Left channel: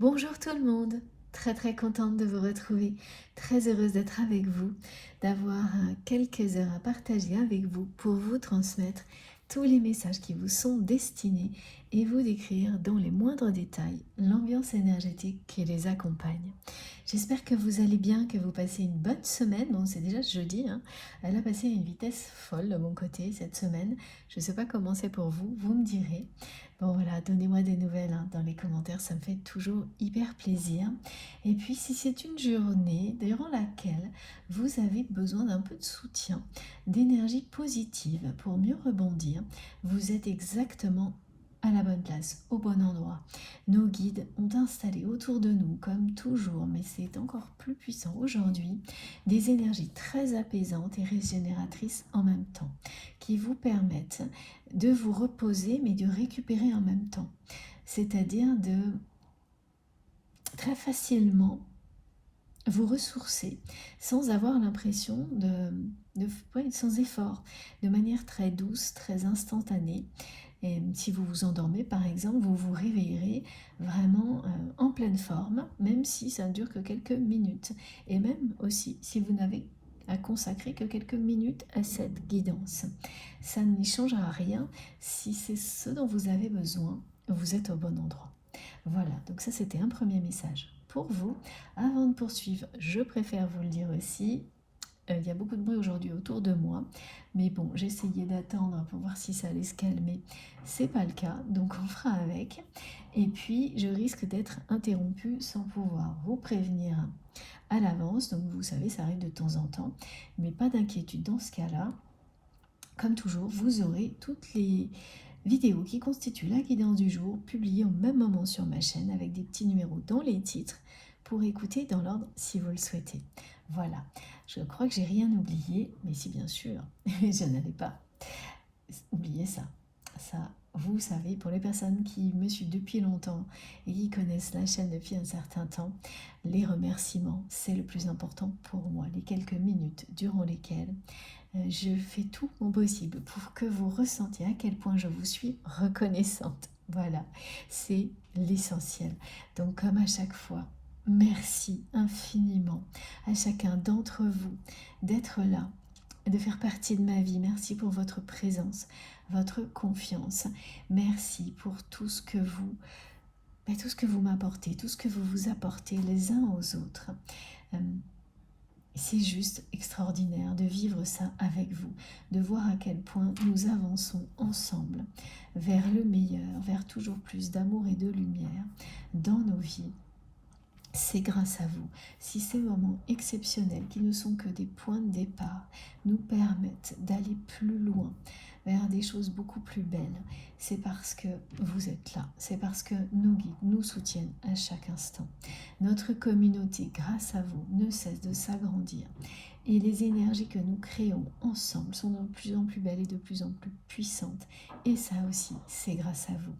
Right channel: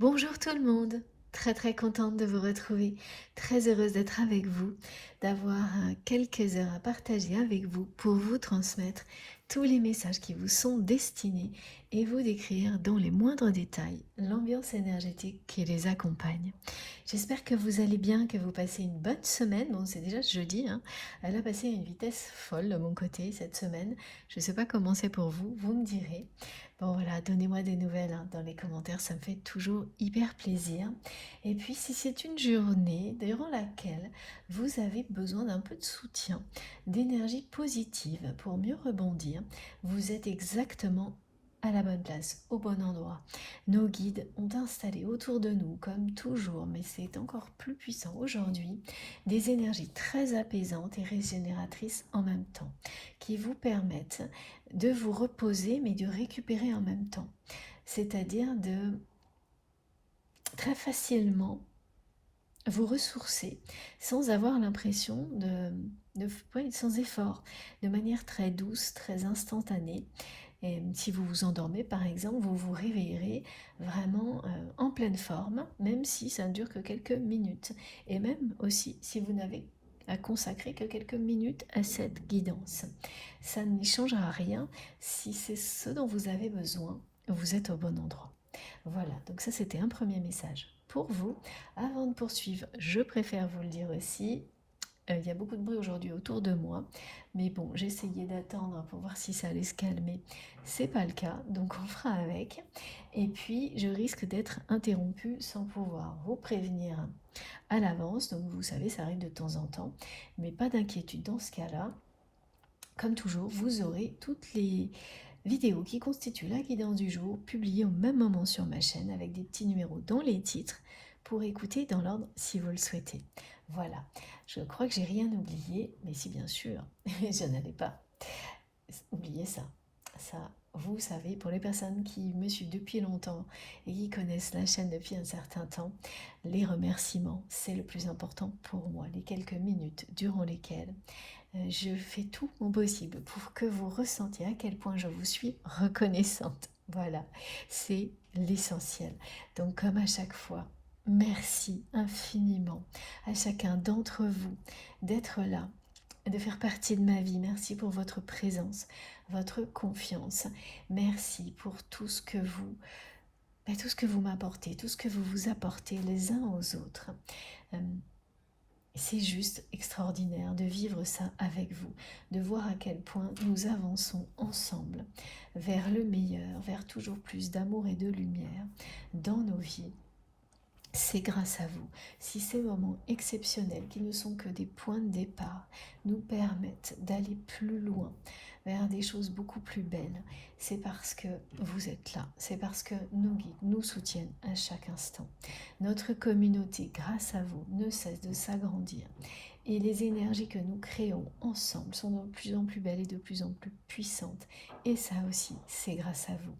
Bonjour tout le monde, très contente de vous retrouver, très heureuse d'être avec vous, d'avoir quelques heures à partager avec vous pour vous transmettre tous les messages qui vous sont destinés et vous décrire dans les moindres détails l'ambiance énergétique qui les accompagne. J'espère que vous allez bien, que vous passez une bonne semaine. Bon, c'est déjà jeudi, hein. Elle a passé à une vitesse folle de mon côté cette semaine. Je ne sais pas comment c'est pour vous, vous me direz. Bon voilà, donnez-moi des nouvelles hein, dans les commentaires, ça me fait toujours hyper plaisir. Et puis si c'est une journée durant laquelle vous avez besoin d'un peu de soutien, d'énergie positive pour mieux rebondir, vous êtes exactement à la bonne place, au bon endroit. Nos guides ont installé autour de nous, comme toujours, mais c'est encore plus puissant aujourd'hui, des énergies très apaisantes et régénératrices en même temps, qui vous permettent de vous reposer, mais de récupérer en même temps. C'est-à-dire de très facilement vous ressourcer sans avoir l'impression ouais, sans effort, de manière très douce, très instantanée. Et si vous vous endormez par exemple, vous vous réveillerez vraiment en pleine forme, même si ça ne dure que quelques minutes. Et même aussi si vous n'avez à consacrer que quelques minutes à cette guidance. Ça n'y changera rien. Si c'est ce dont vous avez besoin, vous êtes au bon endroit. Voilà, donc ça c'était un premier message pour vous. Avant de poursuivre, je préfère vous le dire aussi, il y a beaucoup de bruit aujourd'hui autour de moi, mais bon, j'essayais d'attendre pour voir si ça allait se calmer. C'est pas le cas, donc on fera avec. Et puis, je risque d'être interrompue sans pouvoir vous prévenir à l'avance, donc vous savez, ça arrive de temps en temps, mais pas d'inquiétude dans ce cas-là. Comme toujours, vous aurez toutes les vidéos qui constituent la guidance du jour publiées au même moment sur ma chaîne avec des petits numéros dans les titres pour écouter dans l'ordre si vous le souhaitez. Voilà, je crois que j'ai rien oublié, mais si bien sûr, je n'allais pas oublier ça. Ça, vous savez, pour les personnes qui me suivent depuis longtemps et qui connaissent la chaîne depuis un certain temps, les remerciements, c'est le plus important pour moi. Les quelques minutes durant lesquelles je fais tout mon possible pour que vous ressentiez à quel point je vous suis reconnaissante. Voilà, c'est l'essentiel. Donc comme à chaque fois, merci infiniment à chacun d'entre vous d'être là, de faire partie de ma vie. Merci pour votre présence, votre confiance. Merci pour tout ce que vous m'apportez, tout ce que vous vous apportez les uns aux autres. Euh, c'est juste extraordinaire de vivre ça avec vous, de voir à quel point nous avançons ensemble vers le meilleur, vers toujours plus d'amour et de lumière dans nos vies. C'est grâce à vous. Si ces moments exceptionnels, qui ne sont que des points de départ, nous permettent d'aller plus loin, vers des choses beaucoup plus belles, c'est parce que vous êtes là, c'est parce que nos guides nous soutiennent à chaque instant. Notre communauté, grâce à vous, ne cesse de s'agrandir. Et les énergies que nous créons ensemble sont de plus en plus belles et de plus en plus puissantes. Et ça aussi, c'est grâce à vous.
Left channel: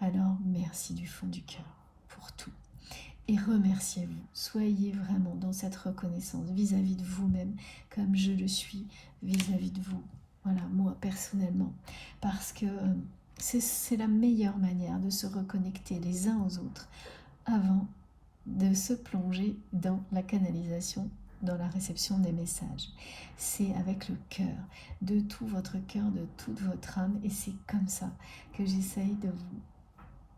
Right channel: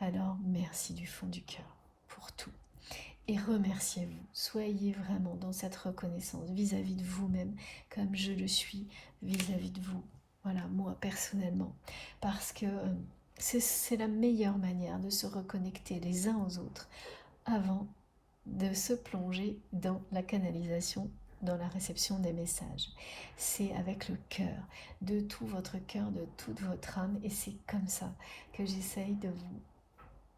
Alors, merci du fond du cœur pour tout. Et remerciez-vous. Soyez vraiment dans cette reconnaissance vis-à-vis de vous-même, comme je le suis vis-à-vis de vous. Voilà, moi personnellement. Parce que c'est la meilleure manière de se reconnecter les uns aux autres avant de se plonger dans la canalisation, dans la réception des messages. C'est avec le cœur, de tout votre cœur, de toute votre âme. Et c'est comme ça que j'essaye de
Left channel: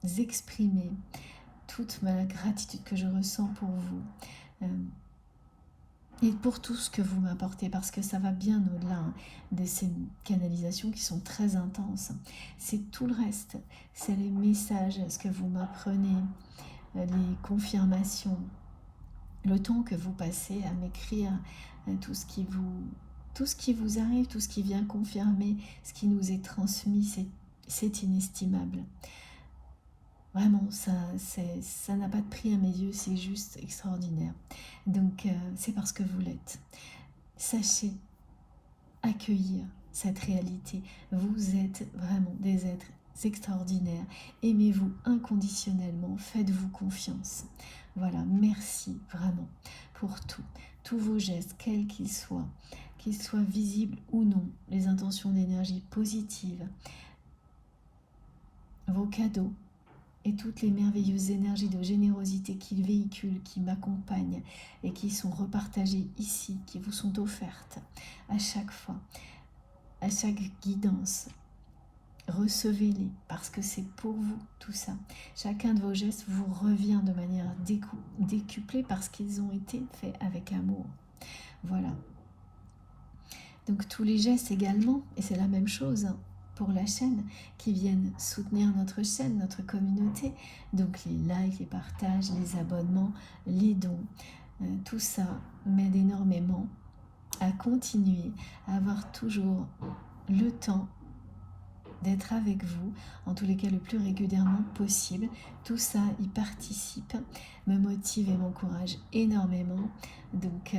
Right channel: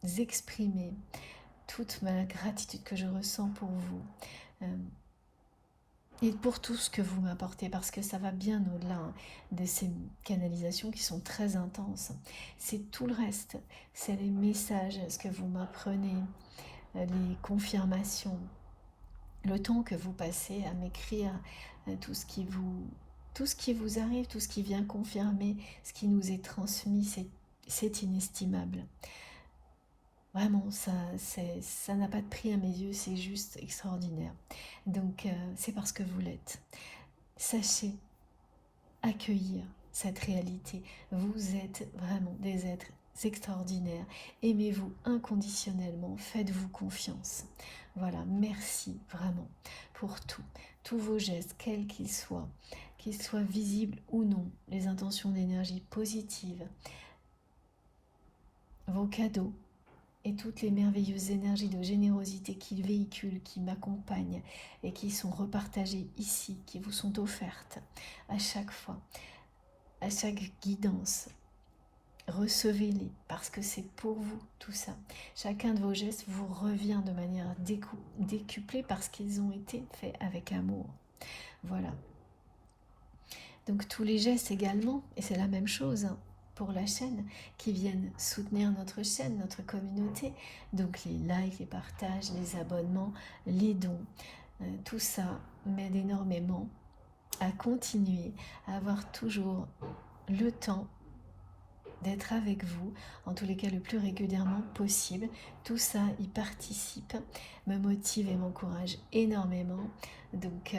vous exprimer toute ma gratitude que je ressens pour vous et pour tout ce que vous m'apportez, parce que ça va bien au-delà de ces canalisations qui sont très intenses. C'est tout le reste, c'est les messages, ce que vous m'apprenez, les confirmations, le temps que vous passez à m'écrire, tout ce qui vous arrive, tout ce qui vient confirmer, ce qui nous est transmis, c'est inestimable. Vraiment, ça n'a pas de prix à mes yeux, c'est juste extraordinaire. Donc, c'est parce que vous l'êtes. Sachez accueillir cette réalité. Vous êtes vraiment des êtres extraordinaires. Aimez-vous inconditionnellement, faites-vous confiance. Voilà, merci vraiment pour tout. Tous vos gestes, quels qu'ils soient visibles ou non, les intentions d'énergie positive, vos cadeaux, et toutes les merveilleuses énergies de générosité qu'il véhicule, qui m'accompagnent et qui sont repartagées ici, qui vous sont offertes à chaque fois, à chaque guidance. Recevez-les parce que c'est pour vous tout ça. Chacun de vos gestes vous revient de manière décuplée parce qu'ils ont été faits avec amour. Voilà. Donc tous les gestes également, et c'est la même chose pour la chaîne, qui viennent soutenir notre chaîne, notre communauté. Donc les likes, les partages, les abonnements, les dons, tout ça m'aide énormément à continuer, à avoir toujours le temps d'être avec vous, en tous les cas le plus régulièrement possible. Tout ça y participe, me motive et m'encourage énormément. Donc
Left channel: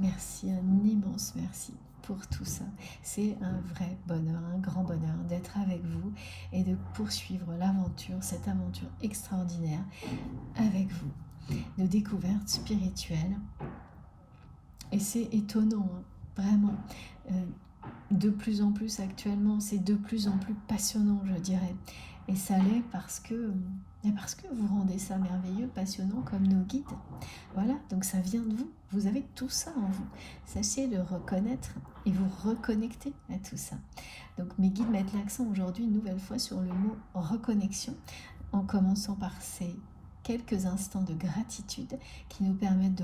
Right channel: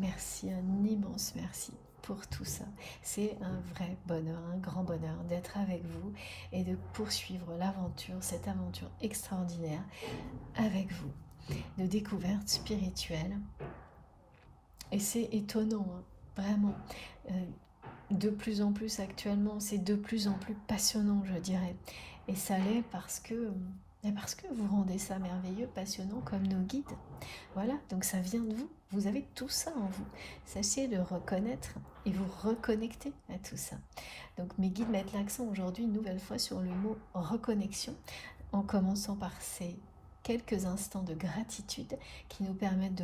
merci, un immense merci pour tout ça. C'est un vrai bonheur, un grand bonheur d'être avec vous et de poursuivre l'aventure, cette aventure extraordinaire avec vous, de découverte spirituelle. Et c'est étonnant, vraiment. De plus en plus actuellement, c'est de plus en plus passionnant, je dirais. Et ça l'est parce que vous rendez ça merveilleux, passionnant comme nos guides. Voilà, donc ça vient de vous. Vous avez tout ça en vous. Sachez le reconnaître et vous reconnecter à tout ça. Donc mes guides mettent l'accent aujourd'hui une nouvelle fois sur le mot reconnexion, en commençant par ces quelques instants de gratitude qui nous permettent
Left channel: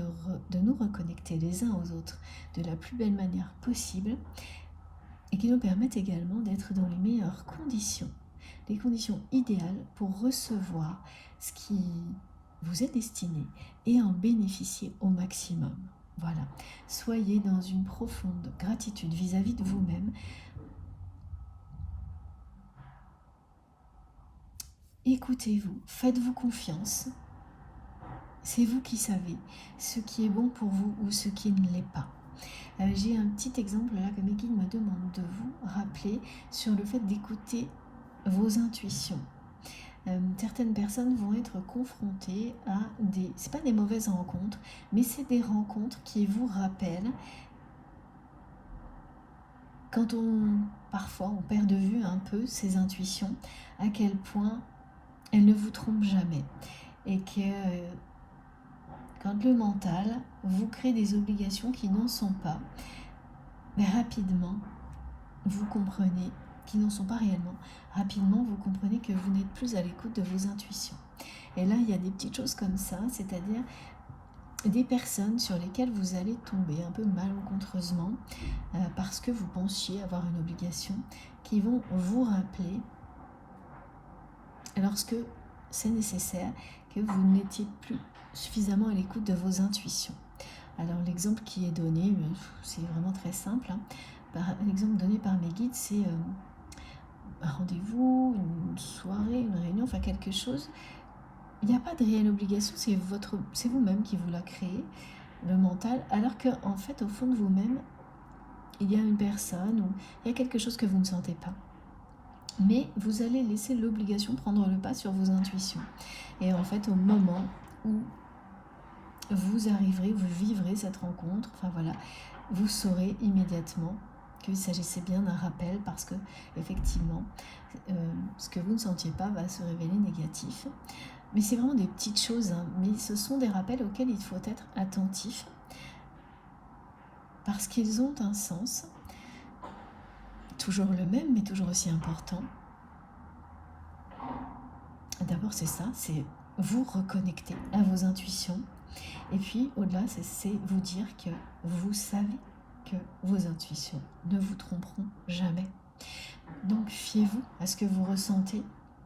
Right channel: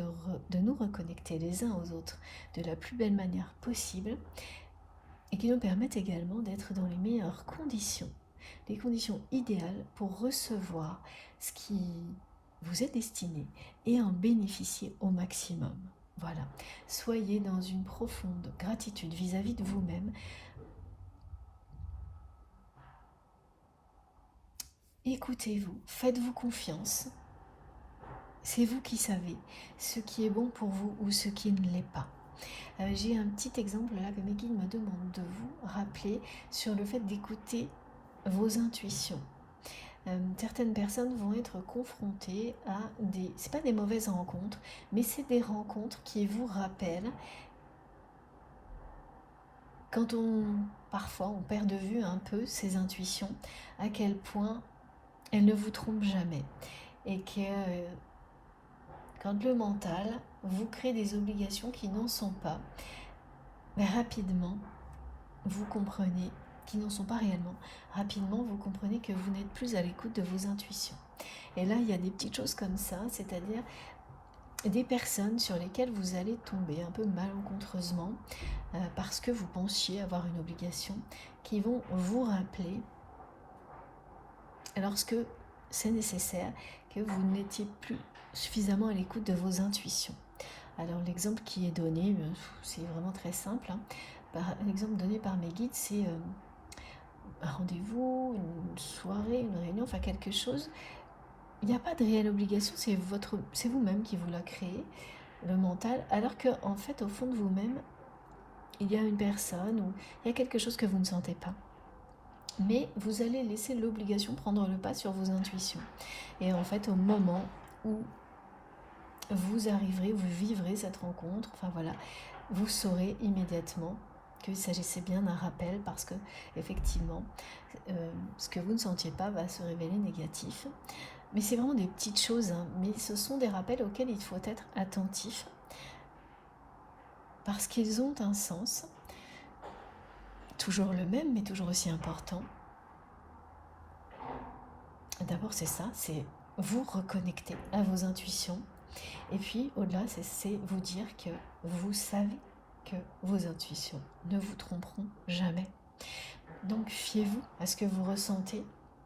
de nous reconnecter les uns aux autres de la plus belle manière possible et qui nous permettent également d'être dans les meilleures conditions, les conditions idéales pour recevoir ce qui vous est destiné et en bénéficier au maximum. Voilà, soyez dans une profonde gratitude vis-à-vis de vous-même. Écoutez-vous, faites-vous confiance. C'est vous qui savez ce qui est bon pour vous ou ce qui ne l'est pas. J'ai un petit exemple là que mes guides me demandent de vous rappeler sur le fait d'écouter vos intuitions. Certaines personnes vont être confrontées à c'est pas des mauvaises rencontres, mais c'est des rencontres qui vous rappellent quand parfois on perd de vue un peu ses intuitions, à quel point elles ne vous trompent jamais et que quand le mental vous crée des obligations qui n'en sont pas, mais rapidement, vous comprenez, qui n'en sont pas réellement, rapidement vous comprenez que vous n'êtes plus à l'écoute de vos intuitions. Et là, il y a des petites choses comme ça, c'est-à-dire des personnes sur lesquelles vous allez tomber un peu malencontreusement parce que vous pensiez avoir une obligation, qui vont vous rappeler, lorsque c'est nécessaire, que vous n'étiez plus suffisamment à l'écoute de vos intuitions. Alors l'exemple qui est donné, c'est vraiment très simple. L'exemple donné par mes guides, c'est un rendez-vous, une soirée, une réunion, enfin quelque chose. Il n'y a pas de réelle obligation, c'est vous-même qui vous la créez, le mental, alors qu'en fait, au fond de vous-même, il y a une personne ou il y a quelque chose que vous ne sentez pas. Mais vous allez laisser l'obligation prendre le pas sur vos intuitions. Et en fait, au moment où vous arriverez, vous vivrez cette rencontre, enfin voilà, vous saurez immédiatement qu'il s'agissait bien d'un rappel parce que, effectivement, ce que vous ne sentiez pas va se révéler négatif. Mais c'est vraiment des petites choses, mais ce sont des rappels auxquels il faut être attentif parce qu'ils ont un sens, toujours le même, mais toujours aussi important. D'abord, c'est ça, c'est vous reconnecter à vos intuitions. Et puis, au-delà, c'est vous dire que vous savez que vos intuitions ne vous tromperont jamais. Donc, fiez-vous à ce que vous ressentez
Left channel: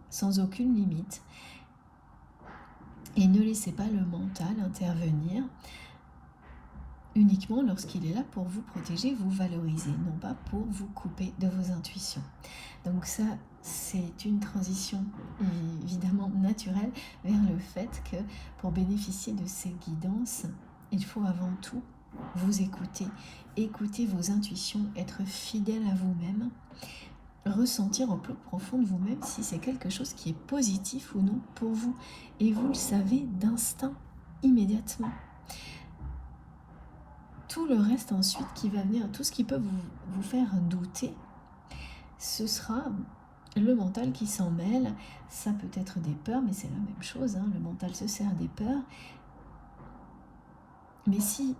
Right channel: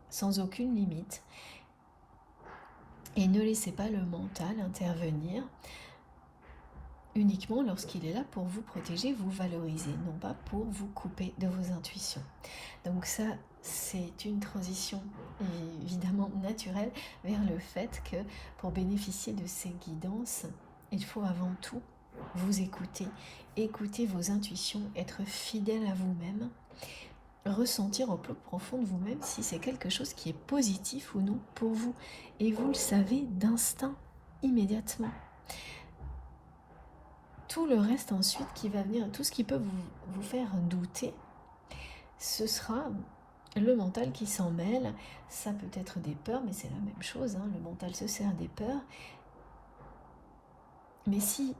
sans aucune limite. Et ne laissez pas le mental intervenir uniquement lorsqu'il est là pour vous protéger, vous valoriser, non pas pour vous couper de vos intuitions. Donc ça, c'est une transition évidemment naturelle vers le fait que pour bénéficier de ces guidances, il faut avant tout vous écouter vos intuitions, être fidèle à vous-même, ressentir au plus profond de vous-même si c'est quelque chose qui est positif ou non pour vous. Et vous le savez d'instinct, immédiatement. Tout le reste ensuite qui va venir, tout ce qui peut vous faire douter, ce sera le mental qui s'en mêle, ça peut être des peurs, mais c'est la même chose, hein, le mental se sert des peurs. Mais si,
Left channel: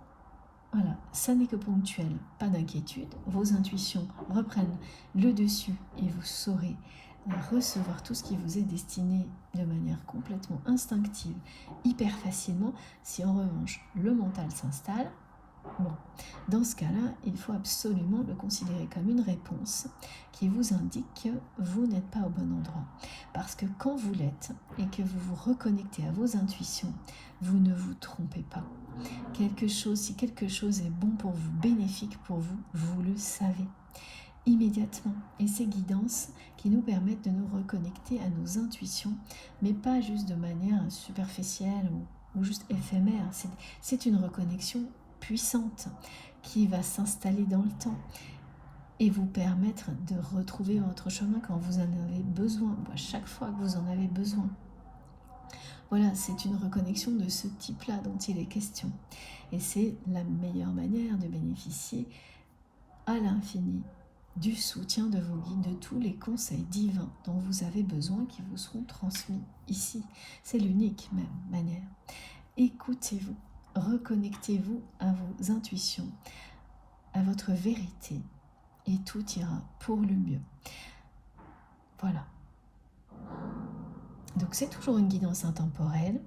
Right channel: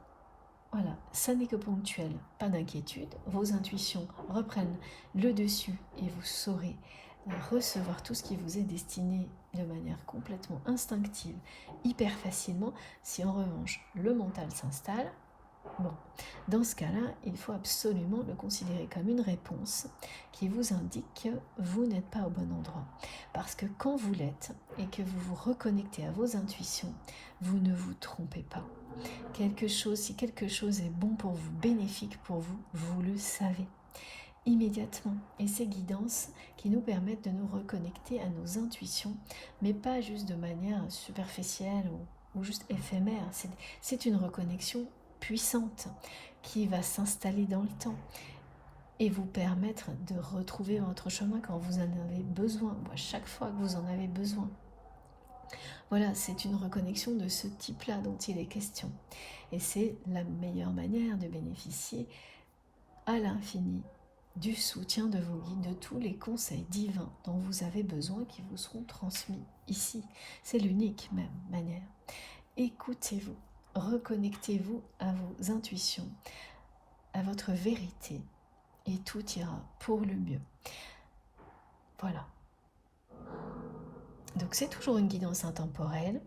voilà, ça n'est que ponctuel, pas d'inquiétude, vos intuitions reprennent le dessus et vous saurez recevoir tout ce qui vous est destiné de manière complètement instinctive, hyper facilement. Si en revanche le mental s'installe, bon, dans ce cas-là, il faut absolument le considérer comme une réponse qui vous indique que vous n'êtes pas au bon endroit. Parce que quand vous l'êtes et que vous vous reconnectez à vos intuitions, vous ne vous trompez pas. Si quelque chose est bon pour vous, bénéfique pour vous, vous le savez immédiatement. Et ces guidances qui nous permettent de nous reconnecter à nos intuitions, mais pas juste de manière superficielle ou juste éphémère. C'est une reconnexion puissante qui va s'installer dans le temps et vous permettre de retrouver votre chemin quand vous en avez besoin, ou à chaque fois que vous en avez besoin. Voilà, c'est une reconnexion de ce type-là dont il est question. Et c'est la meilleure manière de bénéficier à l'infini du soutien de vos guides, de tous les conseils divins dont vous avez besoin qui vous seront transmis ici. C'est l'unique même manière. Écoutez-vous, reconnectez-vous à vos intuitions, à votre vérité, et tout ira pour le mieux. Voilà. Donc c'est toujours une guidance intemporelle.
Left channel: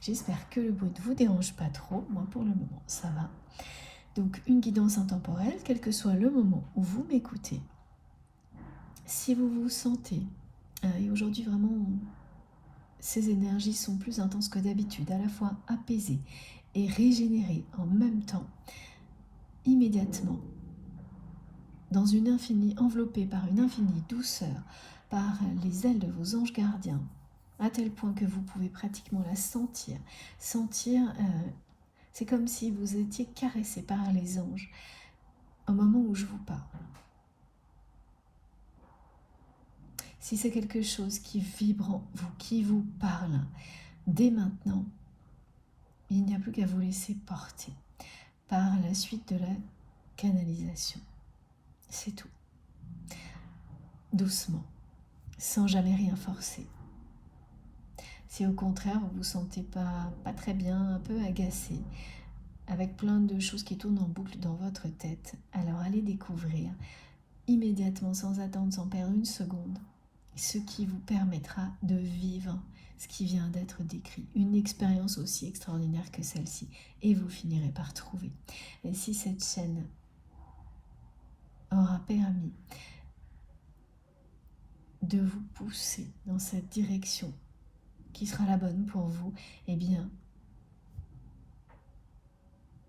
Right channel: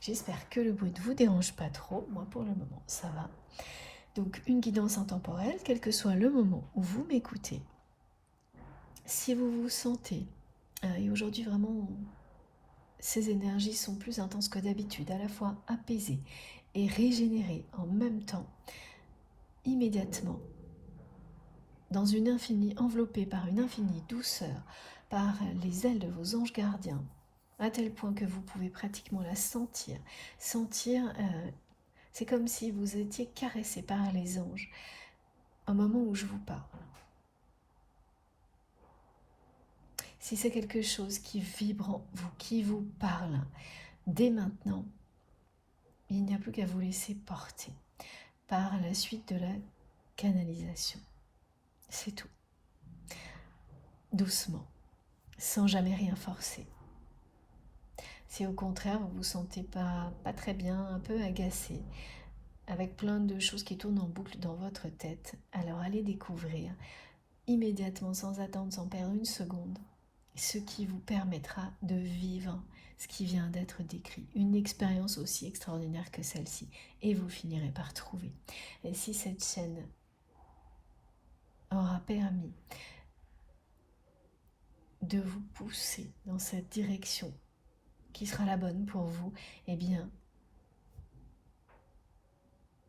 J'espère que le bruit ne vous dérange pas trop. Moi pour le moment ça va. Donc une guidance intemporelle, quel que soit le moment où vous m'écoutez. Si vous vous sentez, et aujourd'hui vraiment ces énergies sont plus intenses que d'habitude, à la fois apaisées et régénérées en même temps, immédiatement, dans une infinie, enveloppée par une infinie douceur, par les ailes de vos anges gardiens, à tel point que vous pouvez pratiquement la sentir. C'est comme si vous étiez caressé par les anges au moment où je vous parle. Si c'est quelque chose qui vibre en vous, qui vous parle, dès maintenant, il n'y a plus qu'à vous laisser porter par la suite de la canalisation. C'est tout. Doucement, sans jamais rien forcer. Si au contraire vous vous sentez pas très bien, un peu agacé, avec plein de choses qui tournent en boucle dans votre tête, alors allez découvrir immédiatement, sans attendre, sans perdre une seconde, ce qui vous permettra de vivre ce qui vient d'être décrit, une expérience aussi extraordinaire que celle-ci, et vous finirez par trouver. Et si cette chaîne aura permis de vous pousser dans cette direction qui sera la bonne pour vous, eh bien,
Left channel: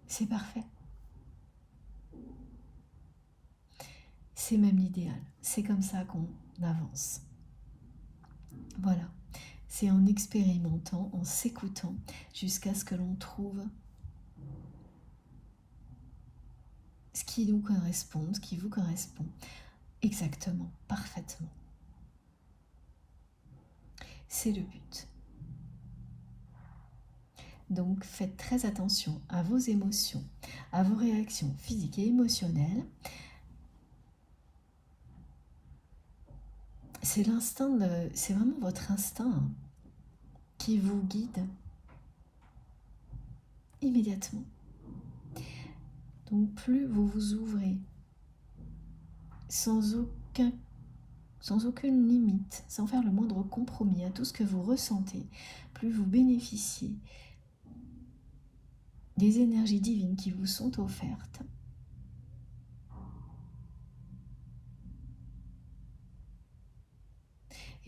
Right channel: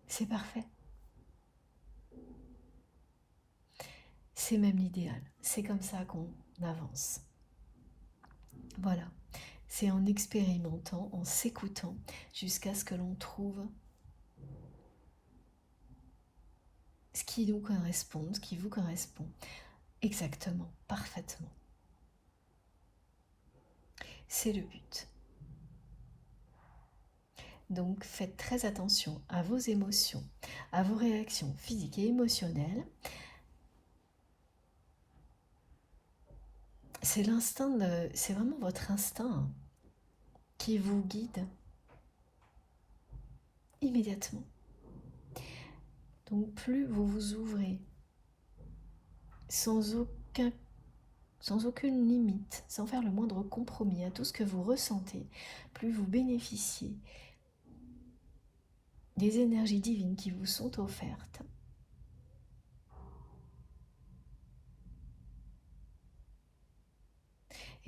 c'est parfait. C'est même l'idéal. C'est comme ça qu'on avance. Voilà. C'est en expérimentant, en s'écoutant, jusqu'à ce que l'on trouve ce qui nous correspond, ce qui vous correspond, exactement, parfaitement. C'est le but. Donc faites très attention à vos émotions, à vos réactions physiques et émotionnelles. C'est vraiment votre instinct qui vous guide immédiatement. Donc plus vous vous ouvrez sans aucune limite, sans faire le moindre compromis à tout ce que vous ressentez, plus vous bénéficiez des énergies divines qui vous sont offertes.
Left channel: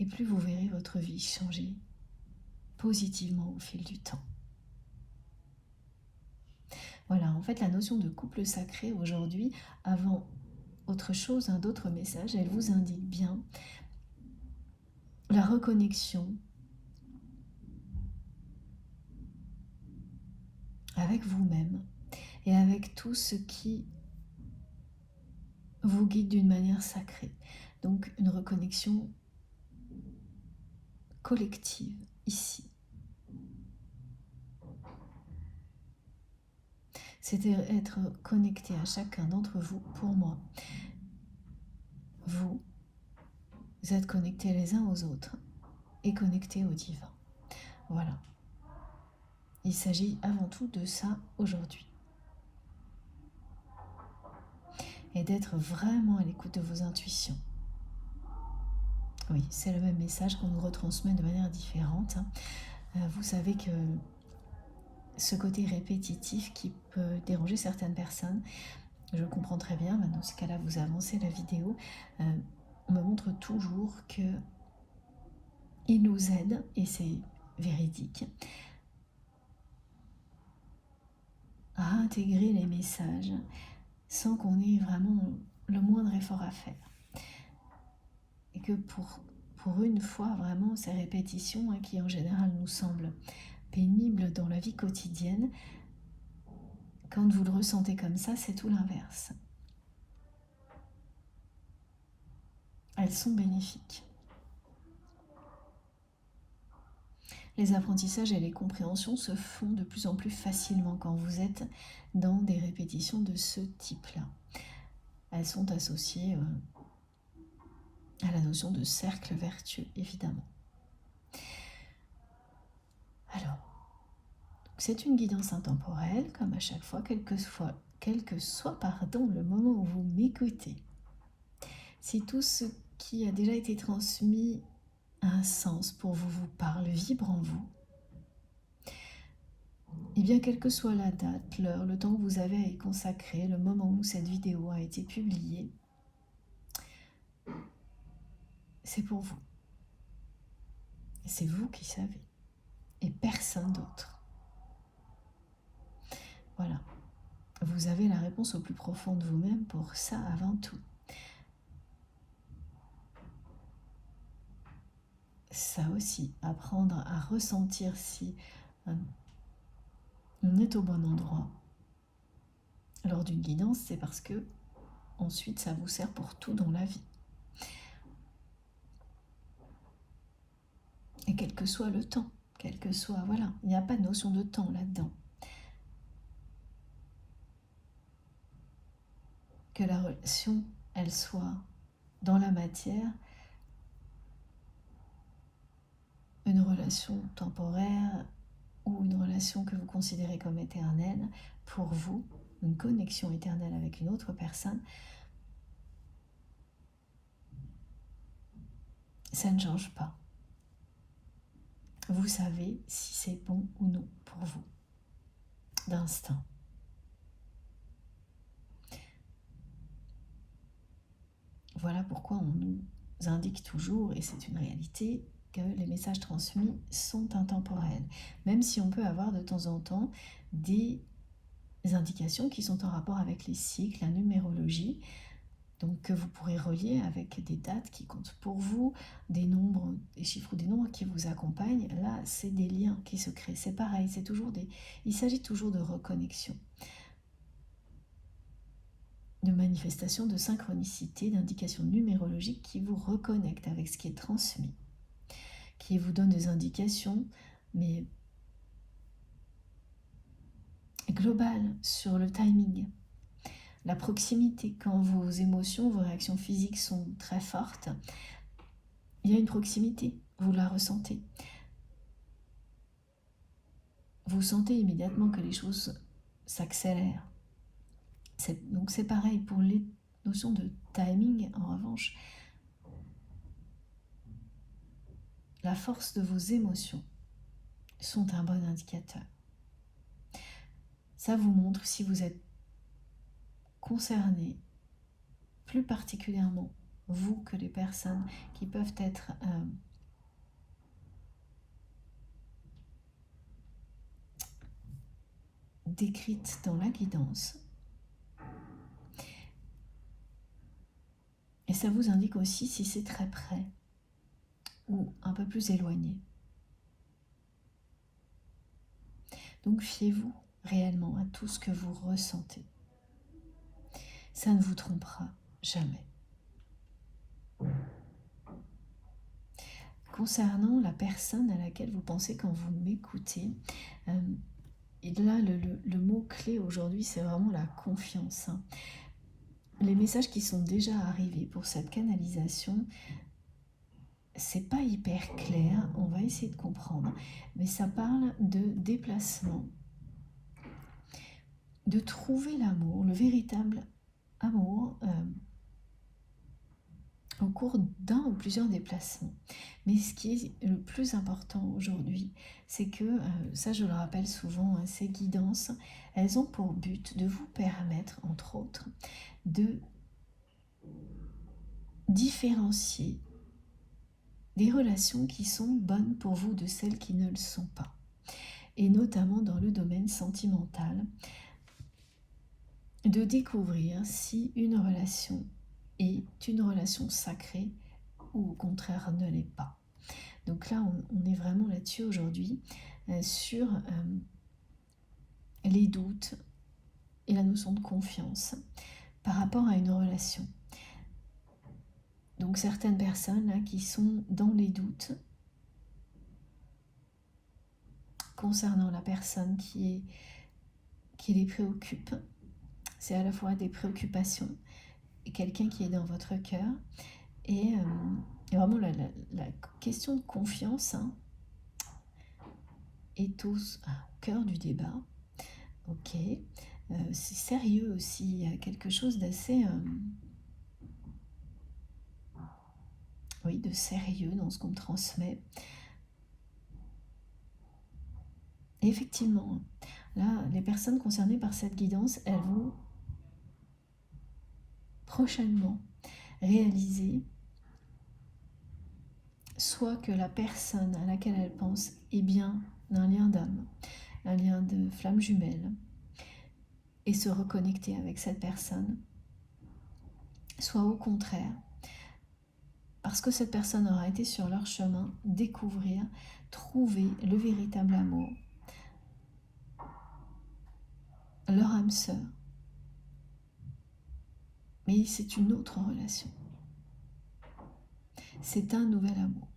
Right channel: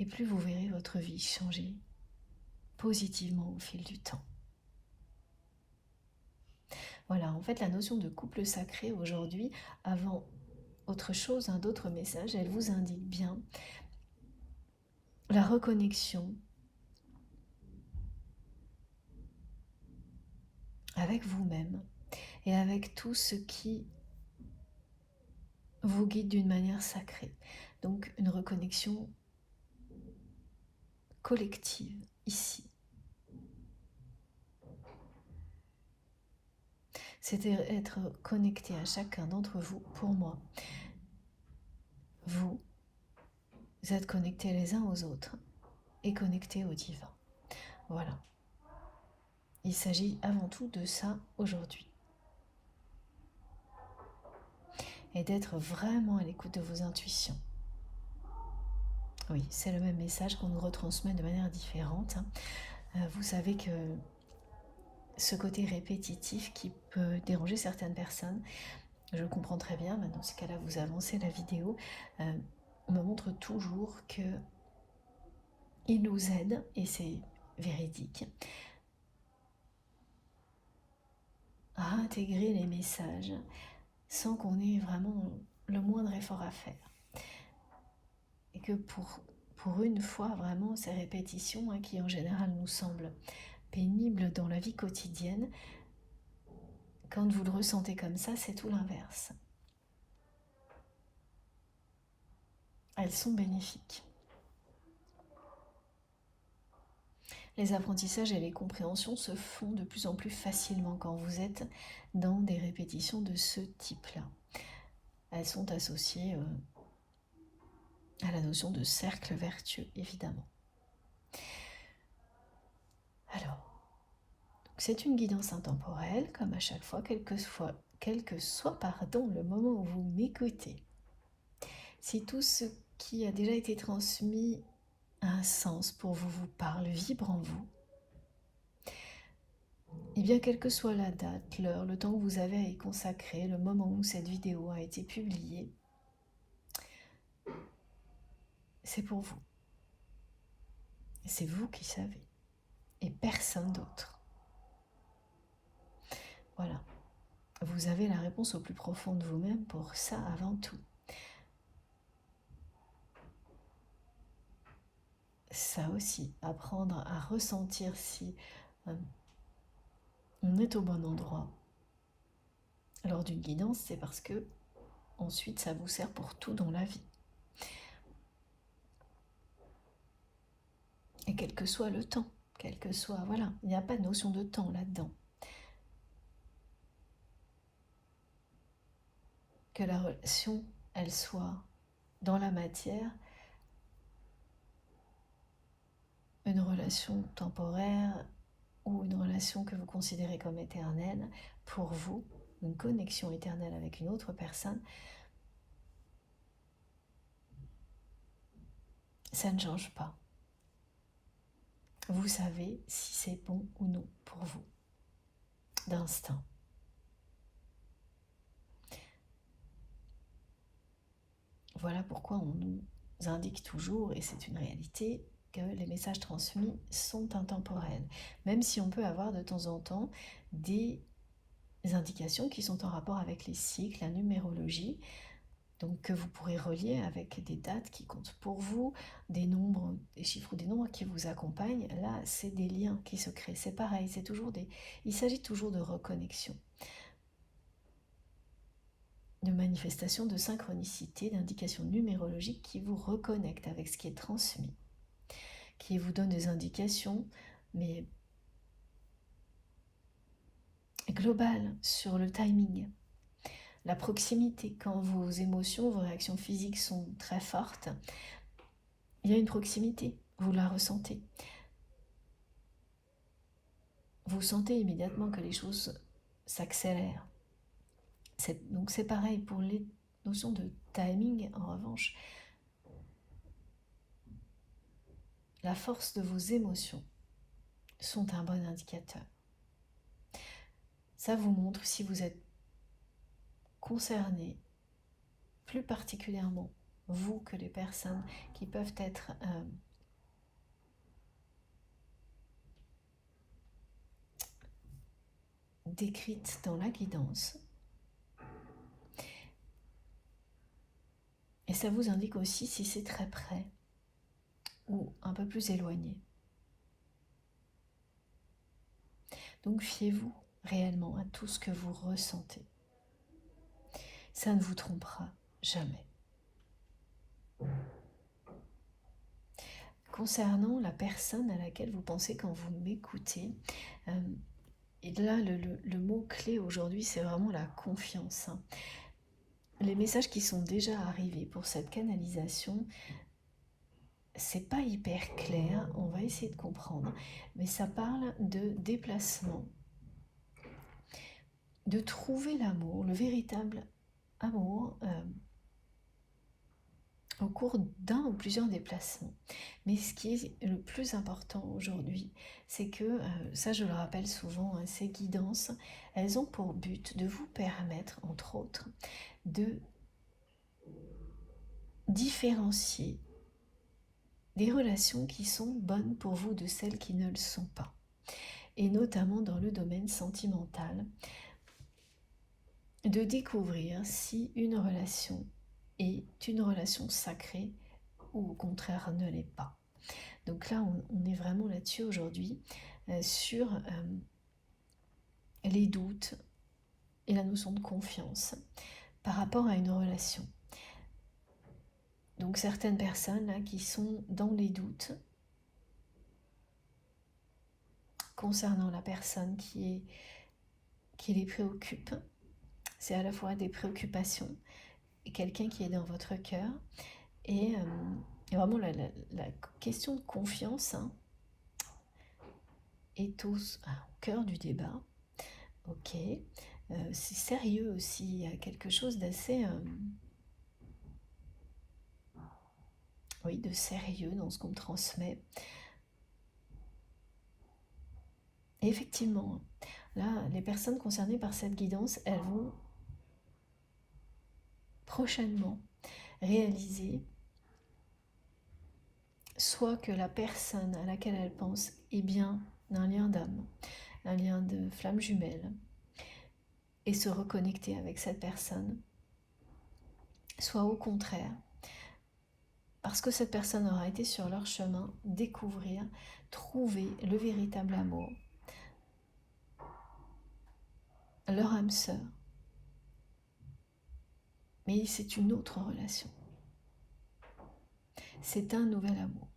Et plus vous verrez votre vie changer positivement au fil du temps. Voilà, en fait, la notion de couple sacré aujourd'hui, avant autre chose, d'autres messages, elle vous indique bien la reconnexion avec vous-même et avec tout ce qui vous guide d'une manière sacrée. Donc une reconnexion collective ici. C'est être connecté à chacun d'entre vous. Pour moi, vous êtes connectés les uns aux autres et connectés au divin. Voilà. Il s'agit avant tout de ça aujourd'hui. Et d'être vraiment à l'écoute de vos intuitions. Oui, c'est le même message qu'on nous retransmet de manière différente. Vous savez que ce côté répétitif qui peut déranger certaines personnes, je comprends très bien, dans ce cas-là vous avancez la vidéo, me montre toujours que il nous aide, et c'est véridique, à intégrer les messages sans qu'on ait vraiment le moindre effort à faire. Et que pour une fois, vraiment, ces répétitions qui en général nous semblent pénibles dans la vie quotidienne, quand vous le ressentez comme ça, c'est tout l'inverse. Elles sont bénéfiques. Les apprentissages et les compréhensions se font de plus en plus facilement quand vous êtes dans des répétitions de ce type-là. Elles sont associées à la notion de cercle vertueux, évidemment. Alors, c'est une guidance intemporelle, comme à chaque fois, quel que soit le moment où vous m'écoutez. Si tout ce qui a déjà été transmis a un sens pour vous, vous parle, vibre en vous, et bien quelle que soit la date, l'heure, le temps que vous avez à y consacrer, le moment où cette vidéo a été publiée, c'est pour vous. C'est vous qui savez, et personne d'autre. Voilà. Vous avez la réponse au plus profond de vous-même pour ça avant tout. Ça aussi, apprendre à ressentir si on est au bon endroit lors d'une guidance, c'est parce que ensuite ça vous sert pour tout dans la vie. Et quel que soit le temps, quel que soit, voilà, il n'y a pas de notion de temps là-dedans. Que la relation, elle soit dans la matière, une relation temporaire ou une relation que vous considérez comme éternelle, pour vous, une connexion éternelle avec une autre personne, ça ne change pas. Vous savez si c'est bon ou non pour vous, d'instinct. Voilà pourquoi on nous indique toujours, et c'est une réalité, que les messages transmis sont intemporels. Même si on peut avoir de temps en temps des indications qui sont en rapport avec les cycles, la numérologie, donc que vous pourrez relier avec des dates qui comptent pour vous, des nombres, des chiffres, des nombres qui vous accompagnent. Là, c'est des liens qui se créent. C'est pareil, il s'agit toujours de reconnexion, de manifestation de synchronicité, d'indications numérologiques qui vous reconnectent avec ce qui est transmis, qui vous donne des indications, mais globales sur le timing, la proximité. Quand vos émotions, vos réactions physiques sont très fortes, il y a une proximité, vous la ressentez. Vous sentez immédiatement que les choses s'accélèrent. Donc c'est pareil pour les notions de timing. En revanche, la force de vos émotions sont un bon indicateur. Ça vous montre si vous êtes concerné, plus particulièrement vous que les personnes qui peuvent être décrites dans la guidance. Et ça vous indique aussi si c'est très près ou un peu plus éloigné. Donc fiez-vous réellement à tout ce que vous ressentez. Ça ne vous trompera jamais. Concernant la personne à laquelle vous pensez quand vous m'écoutez, et là le mot-clé aujourd'hui, c'est vraiment la confiance. Les messages qui sont déjà arrivés pour cette canalisation c'est pas hyper clair, on va essayer de comprendre, mais ça parle de déplacement, de trouver l'amour, le véritable amour au cours d'un ou plusieurs déplacements. Mais ce qui est le plus important aujourd'hui, c'est que, ça je le rappelle souvent, ces guidances, elles ont pour but de vous permettre, entre autres, de différencier des relations qui sont bonnes pour vous de celles qui ne le sont pas. Et notamment dans le domaine sentimental, de découvrir si une relation est une relation sacrée ou au contraire ne l'est pas. Donc là, on est vraiment là-dessus aujourd'hui, sur les doutes et la notion de confiance par rapport à une relation. Donc certaines personnes là, qui sont dans les doutes concernant la personne qui les préoccupe, c'est à la fois des préoccupations et quelqu'un qui est dans votre cœur. Et vraiment la question de confiance est au cœur du débat. Ok, c'est sérieux aussi, il y a quelque chose d'assez de sérieux dans ce qu'on me transmet. Et effectivement, là, les personnes concernées par cette guidance, elles vont prochainement réaliser soit que la personne à laquelle elles pensent est bien un lien d'âme, un lien de flamme jumelle, et se reconnecter avec cette personne, soit au contraire, parce que cette personne aura été sur leur chemin, découvrir, trouver le véritable amour, leur âme sœur. Mais c'est une autre relation. C'est un nouvel amour.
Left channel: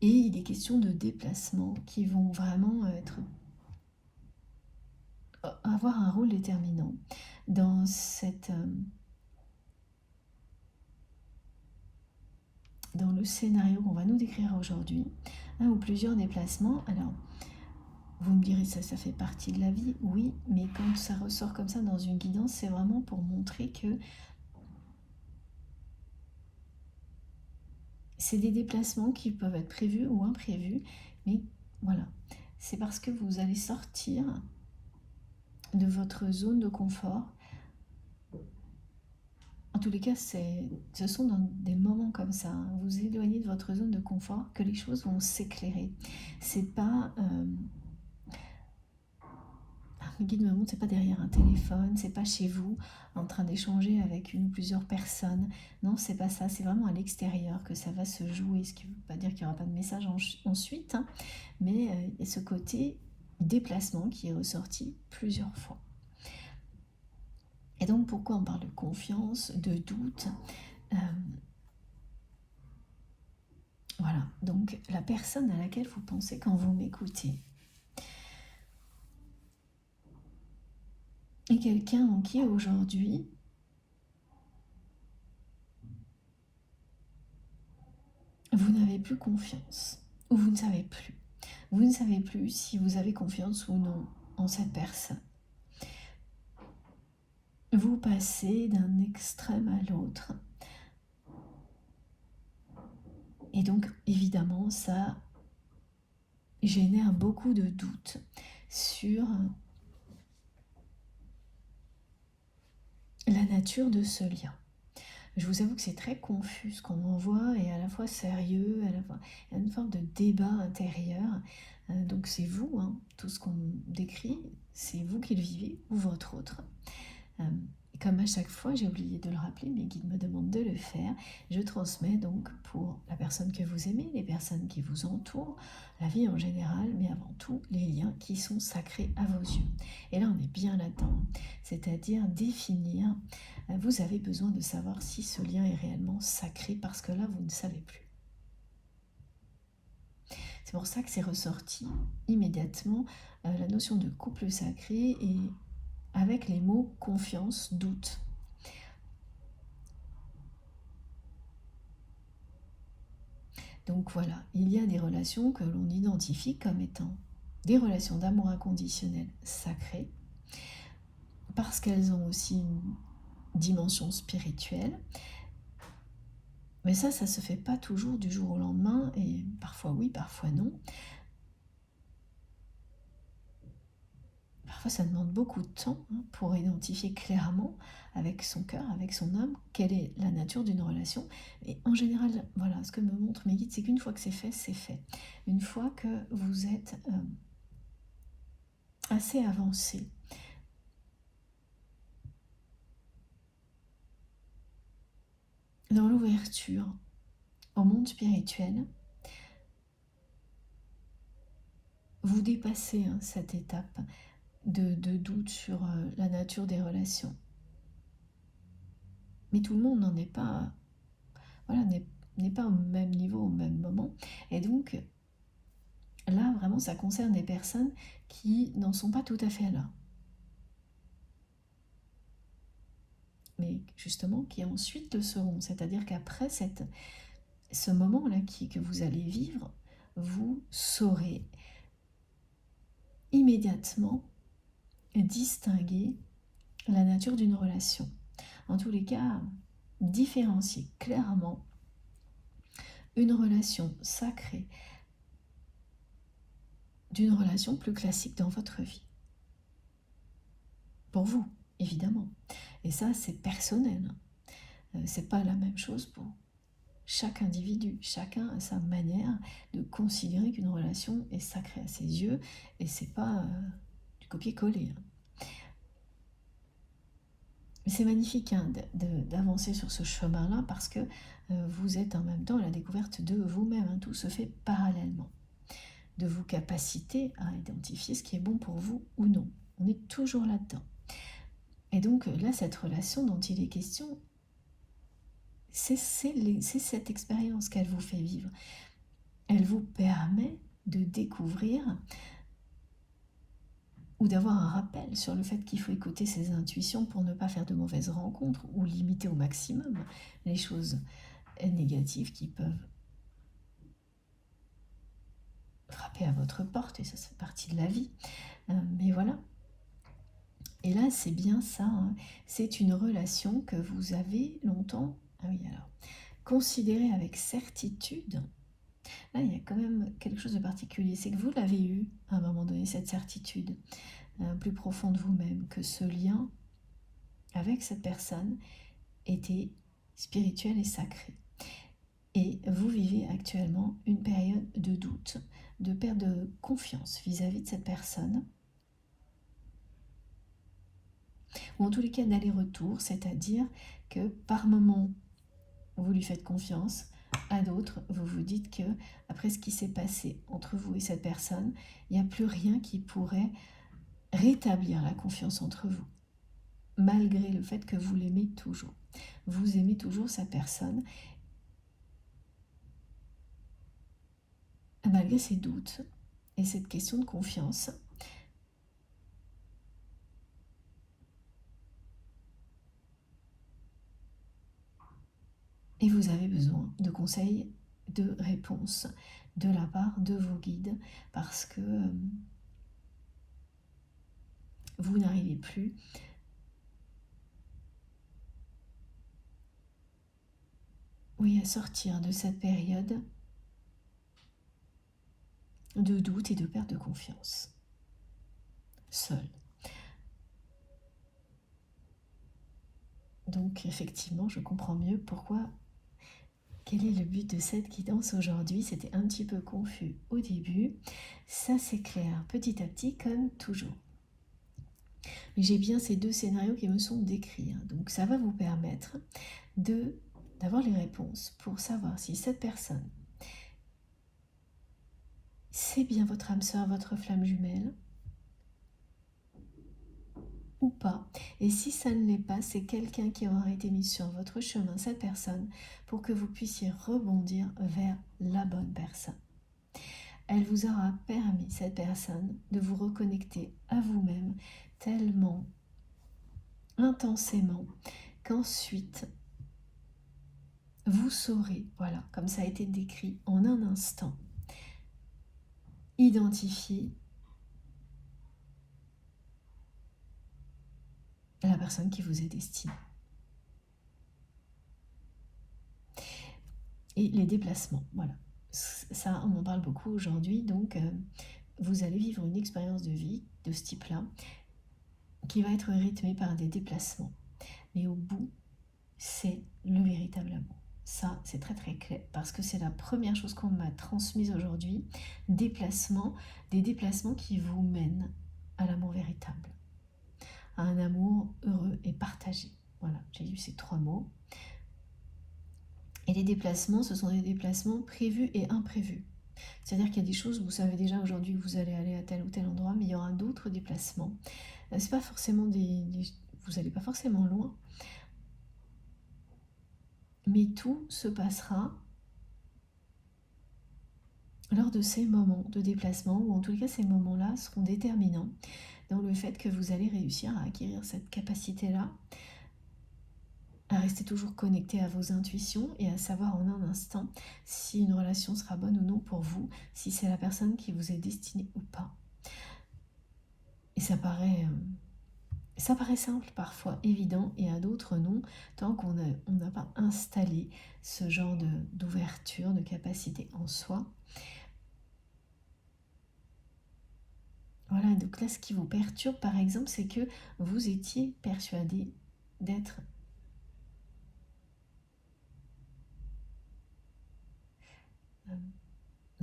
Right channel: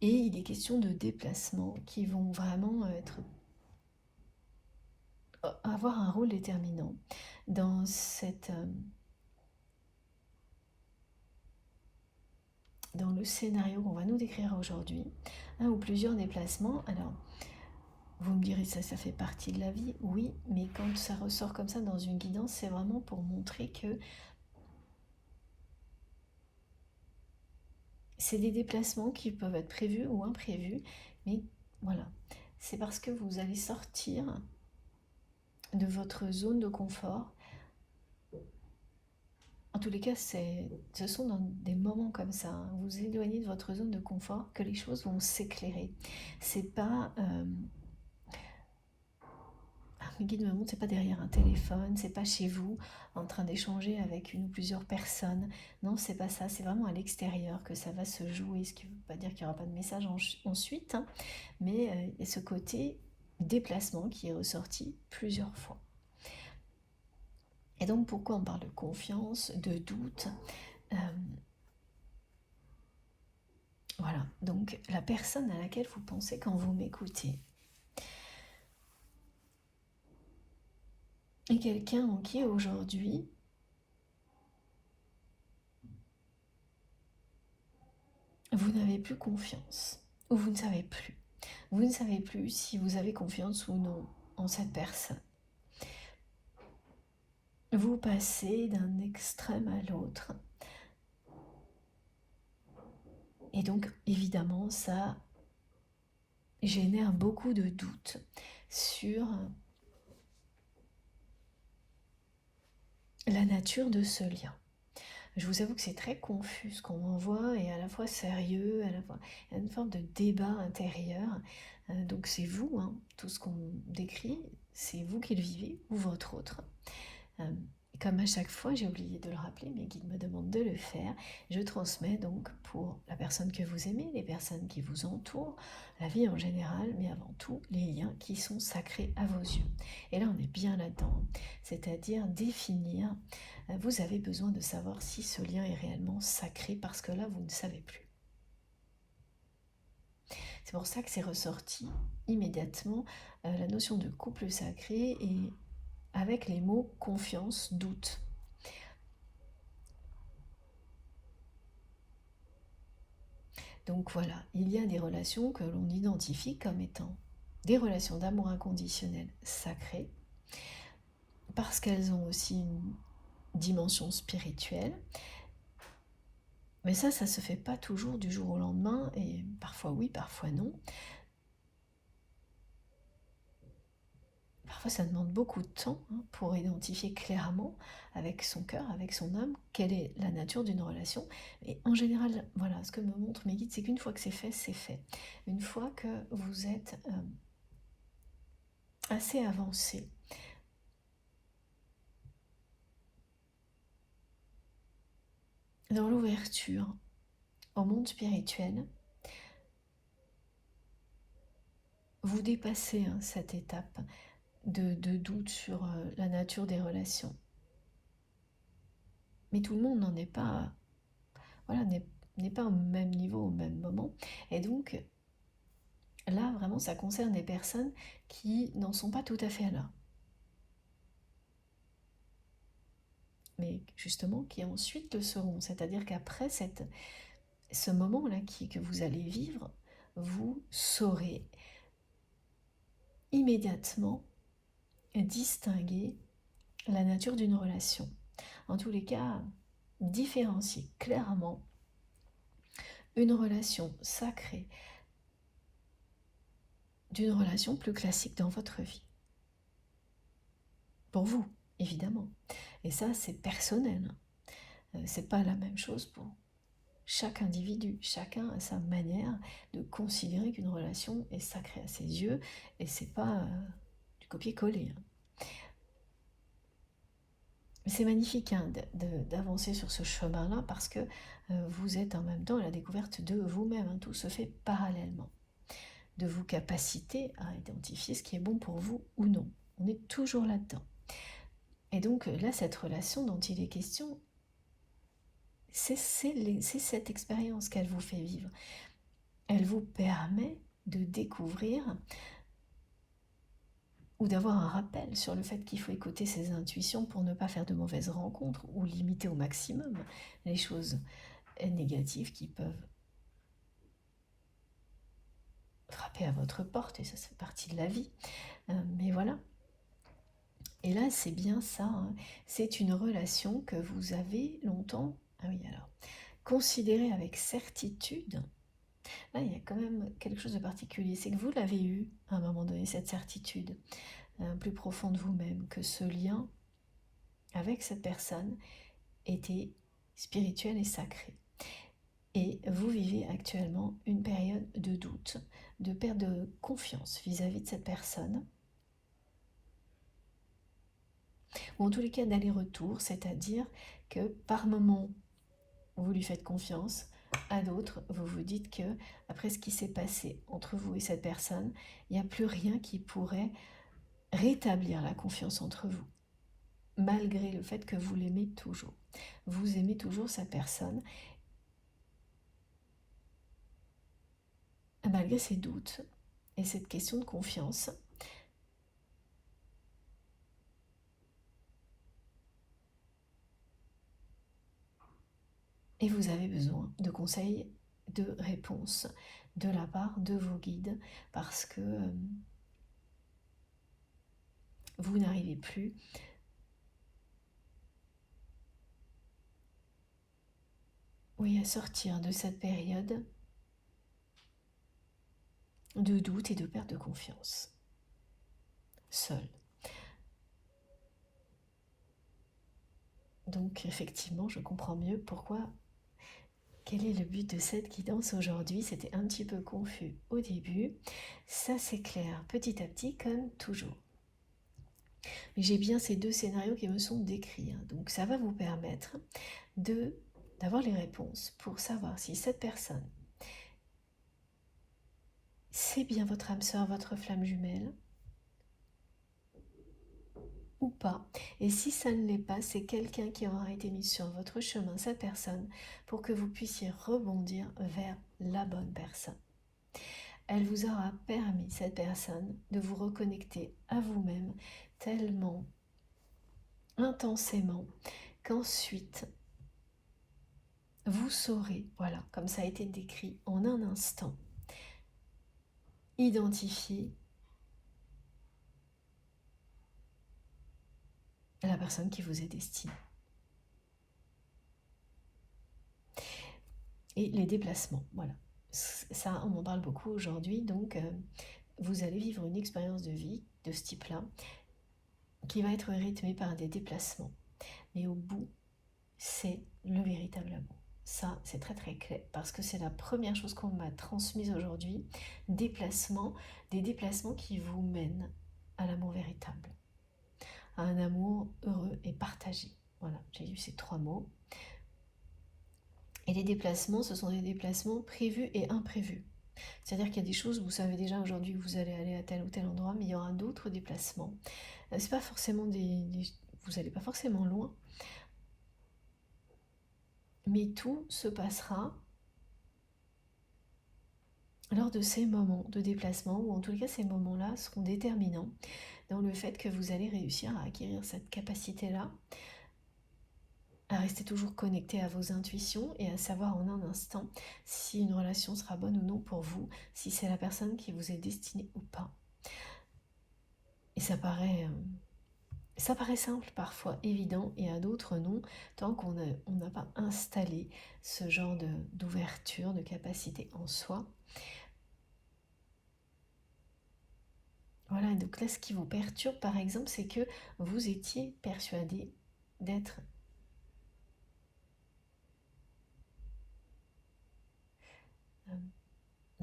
Et il est question de déplacements qui vont vraiment avoir un rôle déterminant dans dans le scénario qu'on va nous décrire aujourd'hui, un ou plusieurs déplacements. Alors, vous me direz, ça fait partie de la vie, oui, mais quand ça ressort comme ça dans une guidance, c'est vraiment pour montrer que c'est des déplacements qui peuvent être prévus ou imprévus, mais voilà, c'est parce que vous allez sortir de votre zone de confort. En tous les cas, ce sont dans des moments comme ça, vous éloignez de votre zone de confort, que les choses vont s'éclairer. C'est pas... le guide me montre, c'est pas derrière un téléphone, c'est pas chez vous en train d'échanger avec une ou plusieurs personnes. Non, c'est pas ça, c'est vraiment à l'extérieur que ça va se jouer, ce qui ne veut pas dire qu'il n'y aura pas de message ensuite, mais il y a ce côté déplacement qui est ressorti plusieurs fois. Et donc pourquoi on parle de confiance, de doute, voilà, donc la personne à laquelle vous pensez quand vous m'écoutez est quelqu'un en qui aujourd'hui vous n'avez plus confiance, ou vous ne savez plus. Vous ne savez plus si vous avez confiance ou non en cette personne. Vous passez d'un extrême à l'autre. Et donc, évidemment, ça génère beaucoup de doutes sur la nature de ce lien. Je vous avoue que c'est très confus ce qu'on envoie et à la fois sérieux, à la fois il y a une forme de débat intérieur. Donc c'est vous, tout ce qu'on décrit, c'est vous qui le vivez ou votre autre. Et comme à chaque fois, j'ai oublié de le rappeler, mes guides me demandent de le faire, je transmets donc pour la personne que vous aimez, les personnes qui vous entourent, la vie en général, mais avant tout les liens qui sont sacrés à vos yeux. Et là, on est bien là-dedans, c'est-à-dire définir, vous avez besoin de savoir si ce lien est réellement sacré, parce que là, vous ne savez plus. C'est pour ça que c'est ressorti immédiatement la notion de couple sacré et avec les mots confiance, doute. Donc voilà, il y a des relations que l'on identifie comme étant des relations d'amour inconditionnel sacrées, parce qu'elles ont aussi une dimension spirituelle. Mais ça se fait pas toujours du jour au lendemain, et parfois oui, parfois non. Parfois ça demande beaucoup de temps pour identifier clairement avec son cœur, avec son âme, quelle est la nature d'une relation. Et en général, voilà, ce que me montrent mes guides, c'est qu'une fois que c'est fait, c'est fait. Une fois que vous êtes assez avancé dans l'ouverture au monde spirituel, vous dépassez cette étape de doute sur la nature des relations. Mais tout le monde n'en est pas, voilà, n'est pas au même niveau, au même moment. Et donc, là, vraiment, ça concerne des personnes qui n'en sont pas tout à fait là. Mais justement, qui ensuite le seront. C'est-à-dire qu'après ce moment-là que vous allez vivre, vous saurez immédiatement distinguer la nature d'une relation. En tous les cas, différencier clairement une relation sacrée d'une relation plus classique dans votre vie. Pour vous, évidemment. Et ça, c'est personnel. C'est pas la même chose pour chaque individu. Chacun a sa manière de considérer qu'une relation est sacrée à ses yeux, et c'est pas du copier-coller. Mais c'est magnifique d'avancer sur ce chemin-là, parce que vous êtes en même temps à la découverte de vous-même. Tout se fait parallèlement. De vos capacités à identifier ce qui est bon pour vous ou non. On est toujours là-dedans. Et donc là, cette relation dont il est question, c'est cette expérience qu'elle vous fait vivre. Elle vous permet de découvrir ou d'avoir un rappel sur le fait qu'il faut écouter ses intuitions pour ne pas faire de mauvaises rencontres ou limiter au maximum les choses négatives qui peuvent frapper à votre porte, et ça fait partie de la vie. Mais voilà. Et là, c'est bien ça, c'est une relation que vous avez longtemps, considérée avec certitude. Là, il y a quand même quelque chose de particulier, c'est que vous l'avez eu à un moment donné, cette certitude plus profonde de vous-même, que ce lien avec cette personne était spirituel et sacré. Et vous vivez actuellement une période de doute, de perte de confiance vis-à-vis de cette personne, ou en tous les cas d'aller-retour, c'est-à-dire que par moment, vous lui faites confiance, à d'autres, vous vous dites que après ce qui s'est passé entre vous et cette personne, il n'y a plus rien qui pourrait rétablir la confiance entre vous, malgré le fait que vous l'aimez toujours. Vous aimez toujours cette personne, malgré ces doutes et cette question de confiance. Et vous avez besoin de conseils, de réponses de la part de vos guides, parce que vous n'arrivez plus à sortir de cette période de doute et de perte de confiance. Seul. Donc effectivement, je comprends mieux pourquoi. Quel est le but de cette guidance aujourd'hui? C'était un petit peu confus au début. Ça c'est clair, petit à petit, comme toujours. Mais j'ai bien ces deux scénarios qui me sont décrits. Donc ça va vous permettre d'avoir les réponses pour savoir si cette personne, c'est bien votre âme sœur, votre flamme jumelle, ou pas. Et si ça ne l'est pas, c'est quelqu'un qui aura été mis sur votre chemin, cette personne, pour que vous puissiez rebondir vers la bonne personne. Elle vous aura permis, cette personne, de vous reconnecter à vous-même tellement intensément qu'ensuite, vous saurez, voilà, comme ça a été décrit en un instant, identifier la personne qui vous est destinée. Et les déplacements, voilà. Ça, on en parle beaucoup aujourd'hui, donc vous allez vivre une expérience de vie de ce type-là qui va être rythmée par des déplacements. Mais au bout, c'est le véritable amour. Ça, c'est très très clair, parce que c'est la première chose qu'on m'a transmise aujourd'hui. Déplacements, des déplacements qui vous mènent à l'amour véritable, à un amour heureux et partagé. Voilà, j'ai eu ces 3 mots. Et les déplacements, ce sont des déplacements prévus et imprévus. C'est-à-dire qu'il y a des choses, vous savez déjà aujourd'hui que vous allez aller à tel ou tel endroit, mais il y aura d'autres déplacements. C'est pas forcément vous n'allez pas forcément loin, mais tout se passera lors de ces moments de déplacement, ou en tout cas ces moments-là seront déterminants dans le fait que vous allez réussir à acquérir cette capacité-là, à rester toujours connecté à vos intuitions et à savoir en un instant si une relation sera bonne ou non pour vous, si c'est la personne qui vous est destinée ou pas. Et ça paraît simple, parfois évident, et à d'autres non, tant qu'on n'a pas installé ce genre d'ouverture, de capacité en soi. Voilà, donc là, ce qui vous perturbe, par exemple, c'est que vous étiez persuadé d'être...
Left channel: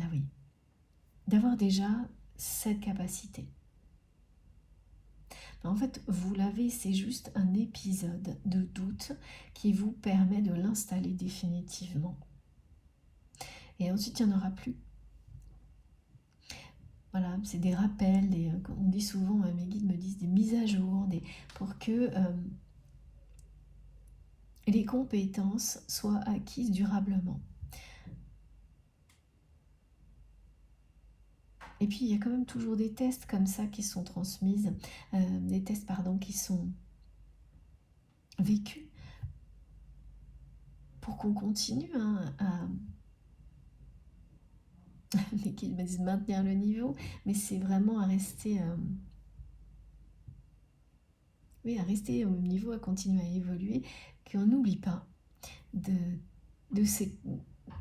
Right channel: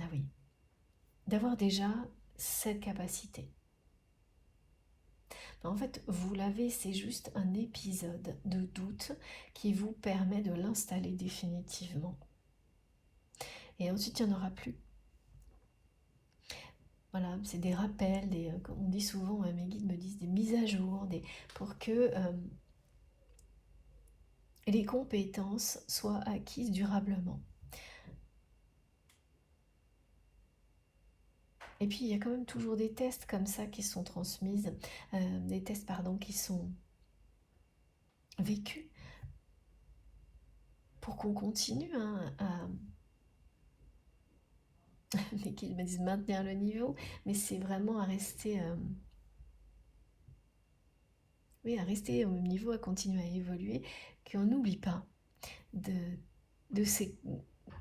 ah oui, d'avoir déjà cette capacité. En fait, vous l'avez, c'est juste un épisode de doute qui vous permet de l'installer définitivement. Et ensuite, il n'y en aura plus. Voilà, c'est des rappels, on dit souvent, mes guides me disent des mises à jour, pour que les compétences soient acquises durablement. Et puis il y a quand même toujours des tests comme ça qui sont transmises, des tests qui sont vécus pour qu'on continue mais qu'ils me disent maintenir le niveau, mais c'est vraiment à rester, à rester au même niveau, à continuer à évoluer, qu'on n'oublie pas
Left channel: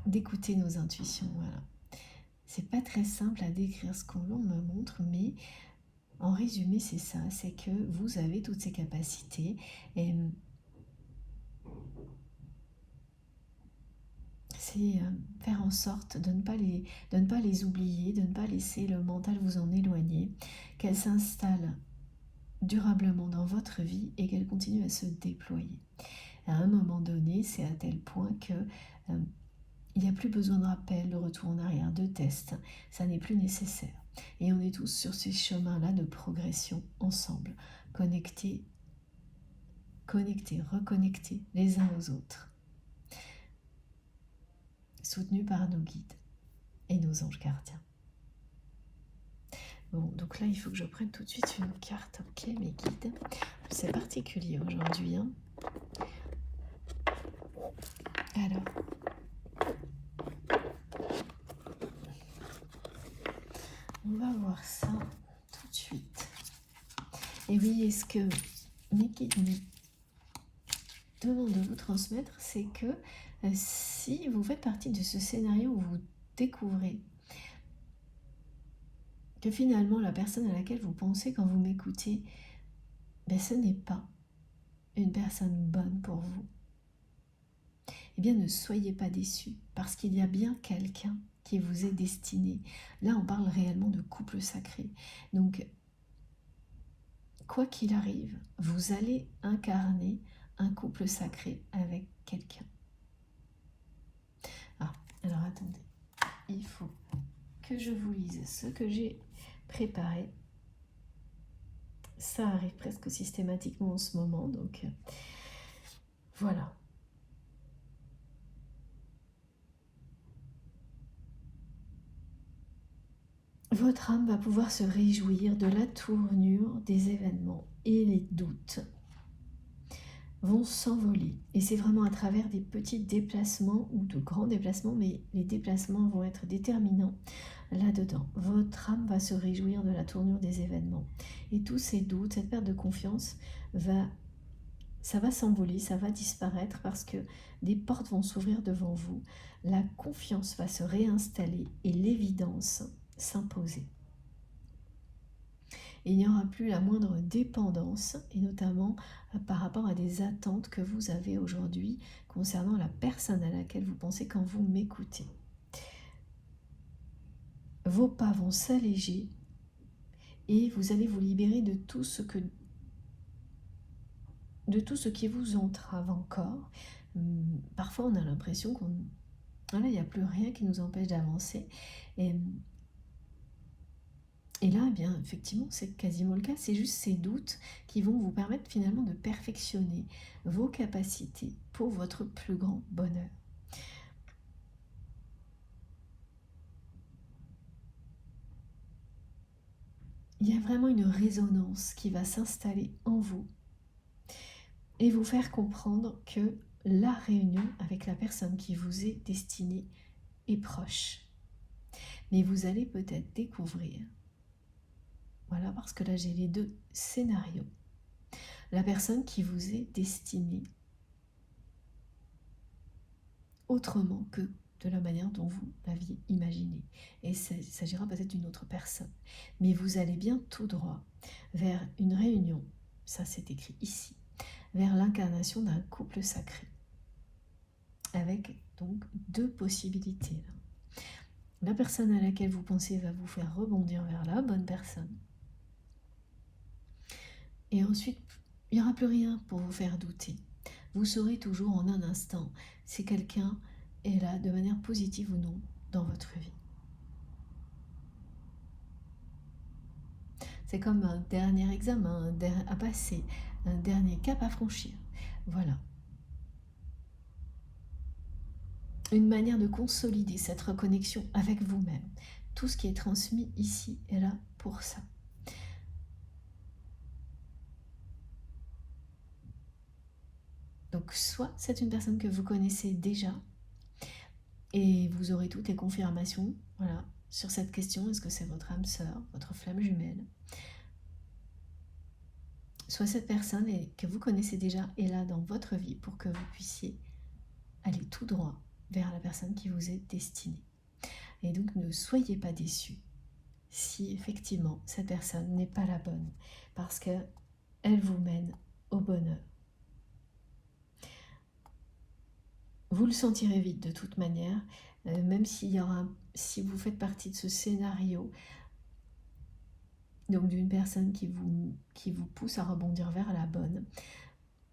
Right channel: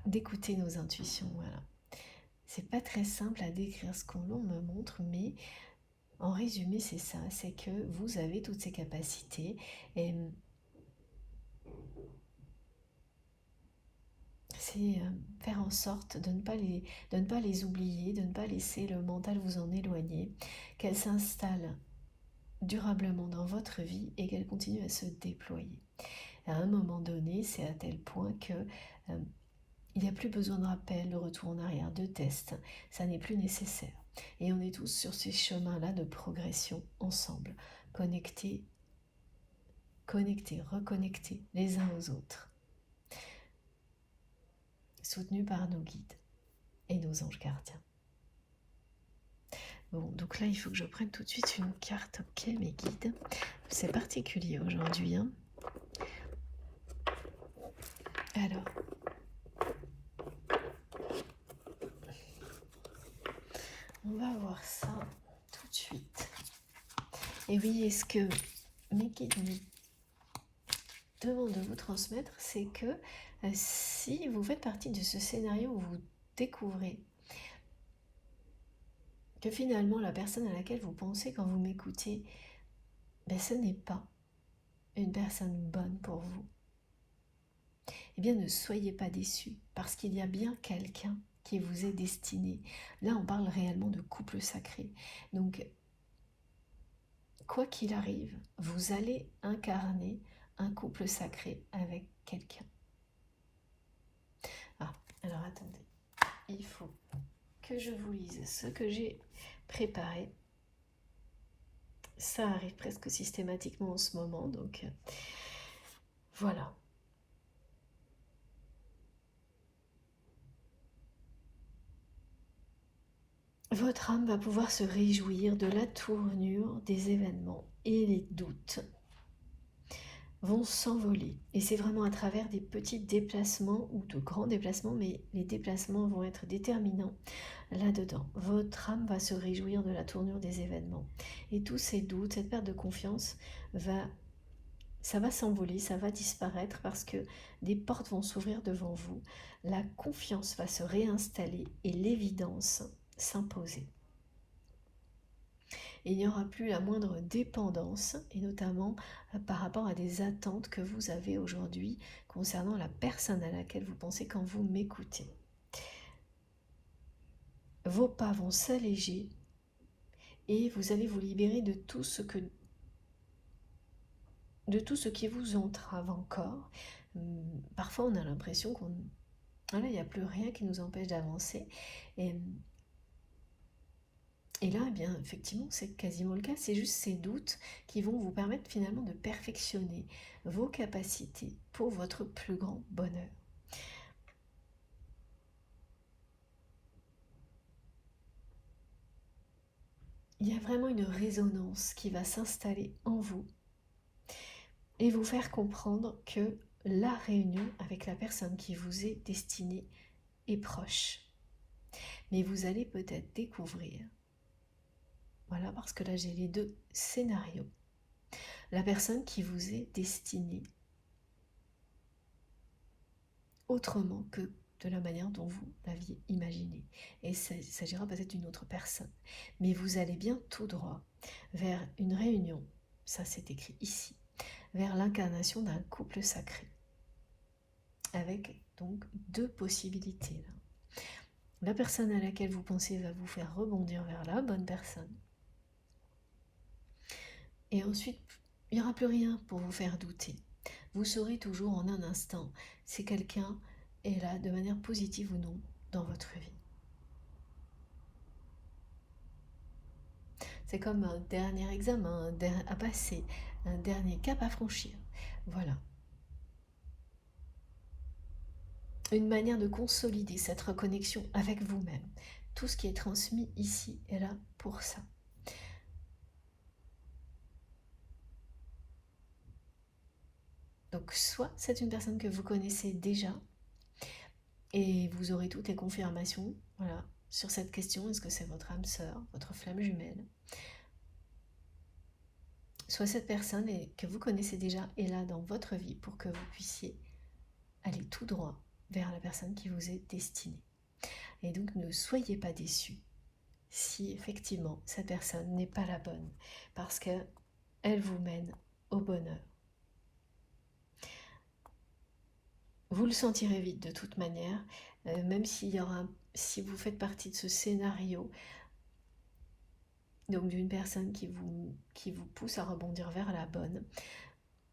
d'écouter nos intuitions. Voilà. C'est pas très simple à décrire ce qu'on me montre, mais en résumé, c'est ça, c'est que vous avez toutes ces capacités et c'est faire en sorte de ne pas les oublier, de ne pas laisser le mental vous en éloigner, qu'elles s'installent durablement dans votre vie et qu'elles continuent à se déployer. À un moment donné, c'est à tel point que il n'y a plus besoin de rappel, de retour en arrière, de test, ça n'est plus nécessaire. Et on est tous sur ces chemins-là de progression ensemble, connectés, reconnectés les uns aux autres, soutenus par nos guides et nos anges gardiens. Bon, donc là, il faut que je prenne tout de suite une carte. Ok, mes guides. C'est particulier aujourd'hui. Hein. Alors, on va voir ça tout de suite. Et oui, est-ce que mes guides me demandent de vous transmettre, c'est que si vous faites partie de ce scénario où vous découvrez que finalement la personne à laquelle vous pensez quand vous m'écoutez, ce n'est pas une personne bonne pour vous, eh bien ne soyez pas déçus, parce qu'il y a bien quelqu'un qui vous est destiné. Là, on parle réellement de couple sacré. Donc, quoi qu'il arrive, vous allez incarner un couple sacré avec quelqu'un. Ah, alors attendez, il faut que je vous lise ce que j'ai préparé. Ça arrive presque systématiquement en ce moment, donc voilà. Votre âme va pouvoir se réjouir de la tournure des événements et les doutes vont s'envoler. Et c'est vraiment à travers des petits déplacements ou de grands déplacements, mais les déplacements vont être déterminants là-dedans. Votre âme va se réjouir de la tournure des événements. Et tous ces doutes, cette perte de confiance, ça va s'envoler, ça va disparaître parce que des portes vont s'ouvrir devant vous. La confiance va se réinstaller et l'évidence s'imposer. Et il n'y aura plus la moindre dépendance, et notamment par rapport à des attentes que vous avez aujourd'hui concernant la personne à laquelle vous pensez quand vous m'écoutez. Vos pas vont s'alléger et vous allez vous libérer de tout ce qui vous entrave encore. Parfois on a l'impression qu'il n'y a plus rien qui nous empêche d'avancer. Et là, eh bien, effectivement, c'est quasiment le cas. C'est juste ces doutes qui vont vous permettre finalement de perfectionner vos capacités pour votre plus grand bonheur. Il y a vraiment une résonance qui va s'installer en vous et vous faire comprendre que la réunion avec la personne qui vous est destinée est proche. Mais vous allez peut-être découvrir, voilà, parce que là j'ai les deux scénarios, la personne qui vous est destinée autrement que de la manière dont vous l'aviez imaginé. Et il s'agira peut-être d'une autre personne. Mais vous allez bien tout droit vers une réunion, ça c'est écrit ici, vers l'incarnation d'un couple sacré. Avec donc deux possibilités là. La personne à laquelle vous pensez va vous faire rebondir vers la bonne personne. Et ensuite, il n'y aura plus rien pour vous faire douter. Vous saurez toujours en un instant si quelqu'un est là de manière positive ou non dans votre vie. C'est comme un dernier examen à passer, un dernier cap à franchir. Voilà. Une manière de consolider cette reconnexion avec vous-même. Tout ce qui est transmis ici est là pour ça. Donc soit c'est une personne que vous connaissez déjà et vous aurez toutes les confirmations, voilà, sur cette question, est-ce que c'est votre âme sœur, votre flamme jumelle? Soit cette personne que vous connaissez déjà est là dans votre vie pour que vous puissiez aller tout droit vers la personne qui vous est destinée. Et donc ne soyez pas déçus si effectivement cette personne n'est pas la bonne, parce qu'elle vous mène au bonheur. Vous le sentirez vite de toute manière, même si vous faites partie de ce scénario, donc d'une personne qui vous pousse à rebondir vers la bonne.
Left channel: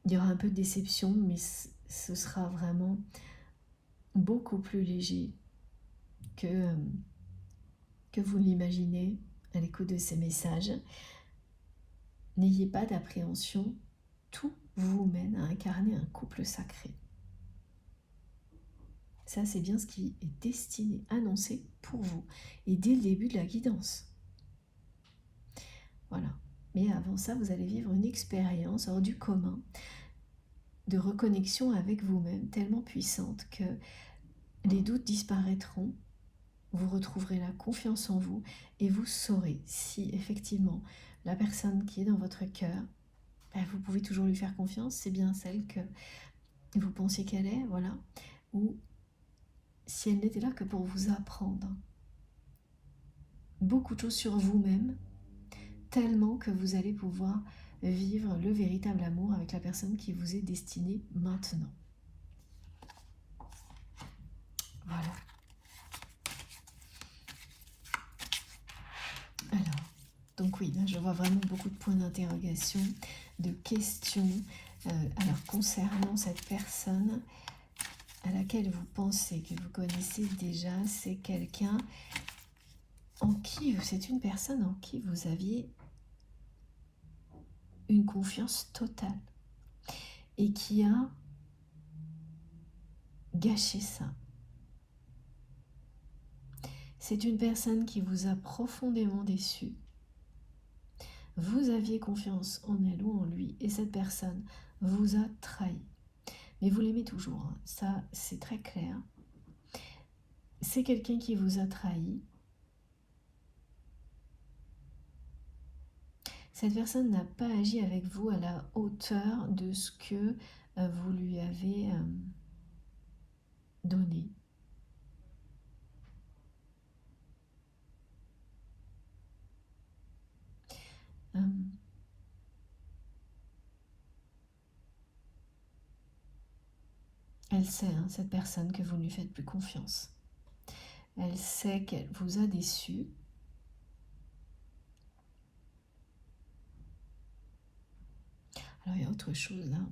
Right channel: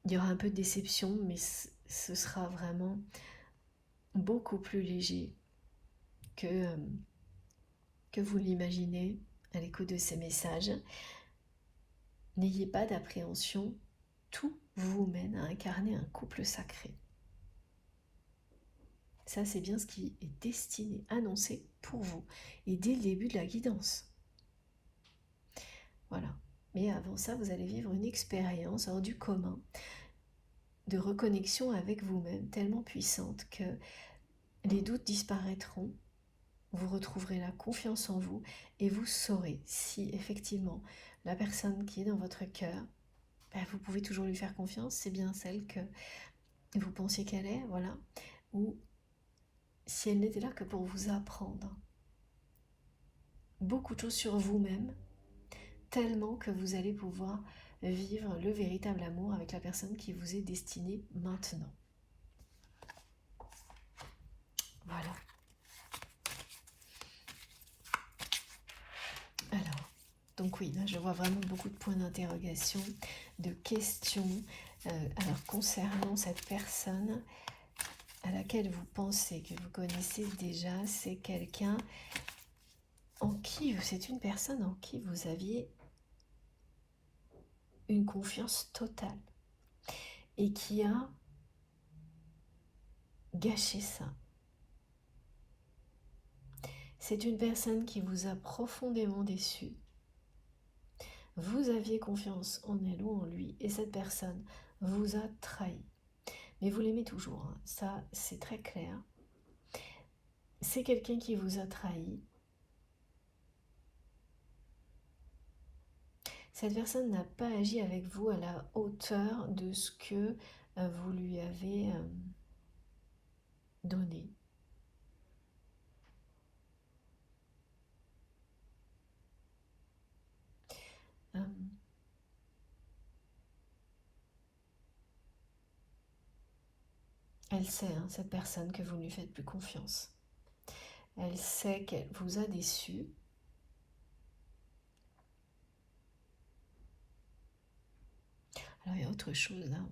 Il y aura un peu de déception, mais ce sera vraiment beaucoup plus léger que vous l'imaginez à l'écoute de ces messages. N'ayez pas d'appréhension, tout vous mène à incarner un couple sacré. Ça, c'est bien ce qui est destiné, annoncé pour vous, et dès le début de la guidance. Voilà. Mais avant ça, vous allez vivre une expérience hors du commun de reconnexion avec vous-même tellement puissante que les doutes disparaîtront, vous retrouverez la confiance en vous et vous saurez si effectivement la personne qui est dans votre cœur, vous pouvez toujours lui faire confiance, c'est bien celle que vous pensiez qu'elle est, voilà, ou si elle n'était là que pour vous apprendre beaucoup de choses sur vous-même, tellement que vous allez pouvoir vivre le véritable amour avec la personne qui vous est destinée maintenant. Voilà. Alors, donc oui, là je vois vraiment beaucoup de points d'interrogation, de questions. Alors, concernant cette personne à laquelle vous pensez que vous connaissez déjà, c'est quelqu'un c'est une personne en qui vous aviez une confiance totale et qui a gâché ça. C'est une personne qui vous a profondément déçu. Vous aviez confiance en elle ou en lui et cette personne vous a trahi. Mais vous l'aimez toujours, hein. Ça c'est très clair. C'est quelqu'un qui vous a trahi. Cette personne n'a pas agi avec vous à la hauteur de ce que vous lui avez donné. Euh, Elle sait, hein, cette personne, que vous ne lui faites plus confiance. Elle sait qu'elle vous a déçu. Alors il y a autre chose, hein.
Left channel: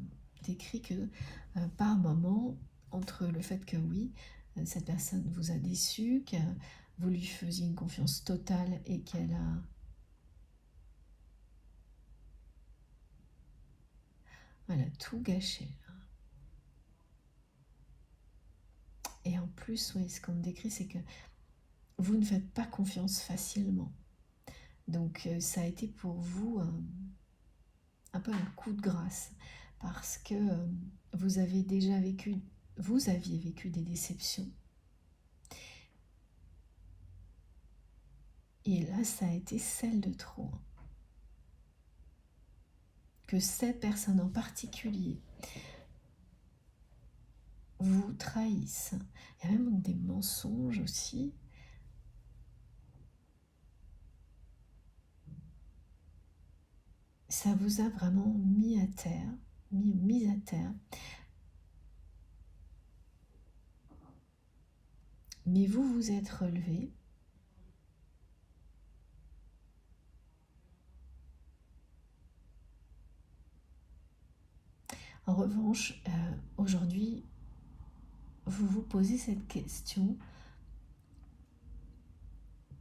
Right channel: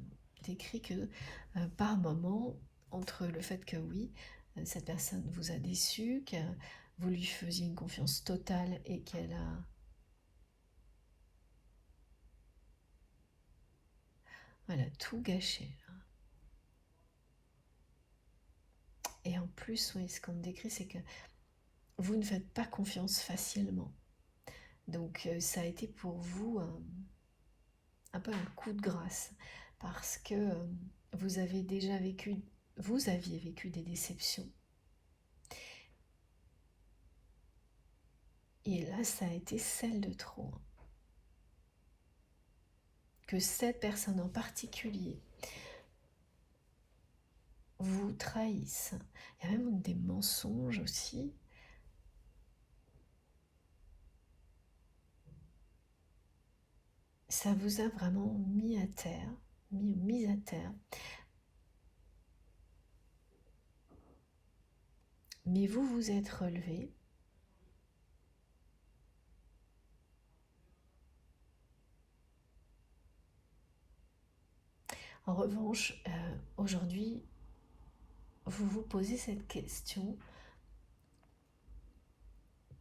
Décrit que par moment, entre le fait que oui, cette personne vous a déçu, que vous lui faisiez une confiance totale et qu'elle a tout gâché. Et en plus, oui, ce qu'on décrit, c'est que vous ne faites pas confiance facilement. Donc ça a été pour vous un peu un coup de grâce, parce que vous aviez vécu des déceptions. Et là, ça a été celle de trop. Que cette personne en particulier vous trahisse. Il y a même des mensonges aussi. Ça vous a vraiment mis à terre, mis à terre. Mais vous vous êtes relevé. En revanche, aujourd'hui, vous vous posez cette question.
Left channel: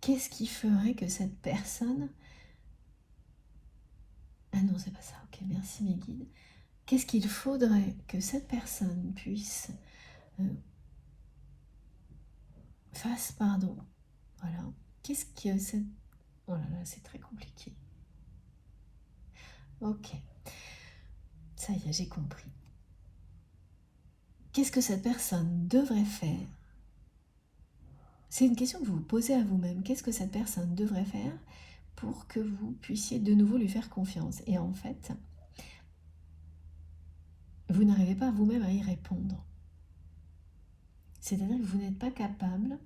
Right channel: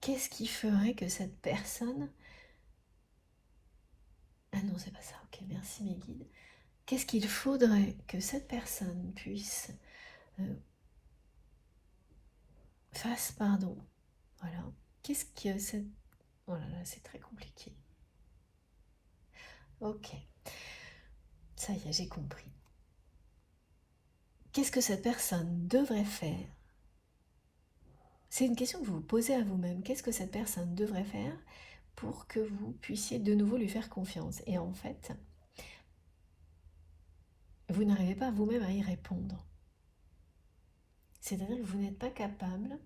Qu'est-ce qui ferait que cette personne... Ah non, c'est pas ça. Ok, merci mes guides. Qu'est-ce qu'il faudrait que cette personne puisse fasse pardon? Voilà. Qu'est-ce que cette... Oh là là, c'est très compliqué. Ok. Ça y est, j'ai compris. Qu'est-ce que cette personne devrait faire? C'est une question que vous vous posez à vous-même. Qu'est-ce que cette personne devrait faire pour que vous puissiez de nouveau lui faire confiance? Et en fait, vous n'arrivez pas vous-même à y répondre. C'est-à-dire que vous n'êtes pas capable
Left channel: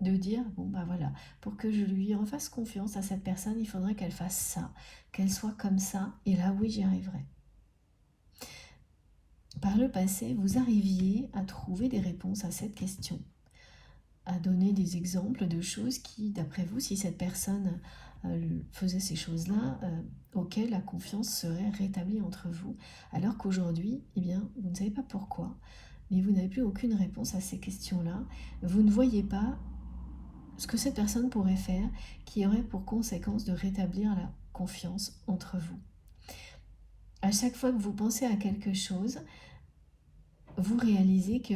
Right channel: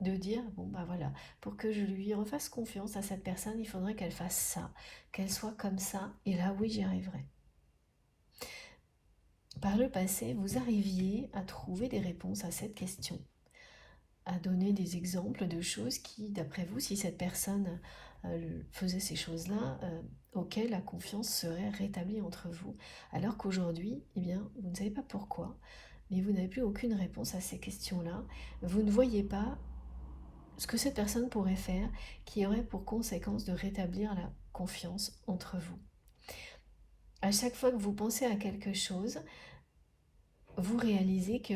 de dire, bon bah voilà, pour que je lui refasse confiance à cette personne, il faudrait qu'elle fasse ça, qu'elle soit comme ça, et là oui, j'y arriverai. Par le passé, vous arriviez à trouver des réponses à cette question, à donner des exemples de choses qui, d'après vous, si cette personne faisait ces choses-là, auxquelles la confiance serait rétablie entre vous, alors qu'aujourd'hui, eh bien, vous ne savez pas pourquoi, mais vous n'avez plus aucune réponse à ces questions-là. Vous ne voyez pas ce que cette personne pourrait faire qui aurait pour conséquence de rétablir la confiance entre vous. À chaque fois que vous pensez à quelque chose, vous réalisez que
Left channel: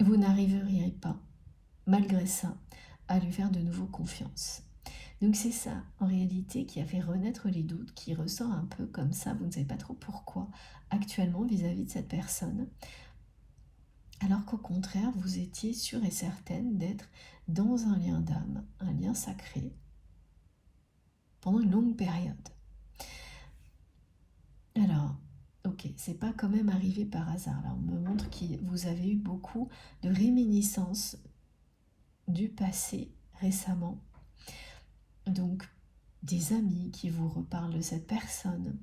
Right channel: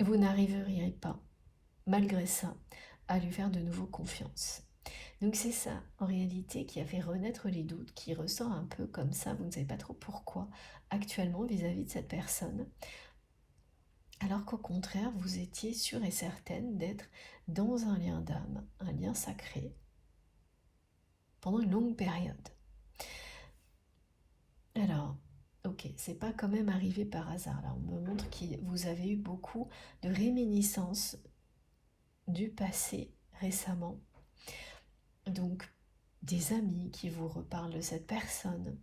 vous n'arriveriez pas, malgré ça, à lui faire de nouveau confiance. Donc c'est ça, en réalité, qui a fait renaître les doutes, qui ressort un peu comme ça, vous ne savez pas trop pourquoi, actuellement vis-à-vis de cette personne, alors qu'au contraire, vous étiez sûre et certaine d'être dans un lien d'âme, un lien sacré, pendant une longue période. Alors, ok, c'est pas quand même arrivé par hasard. Là, on me montre que vous avez eu beaucoup de réminiscences du passé récemment. Donc, des amis qui vous reparlent de cette personne,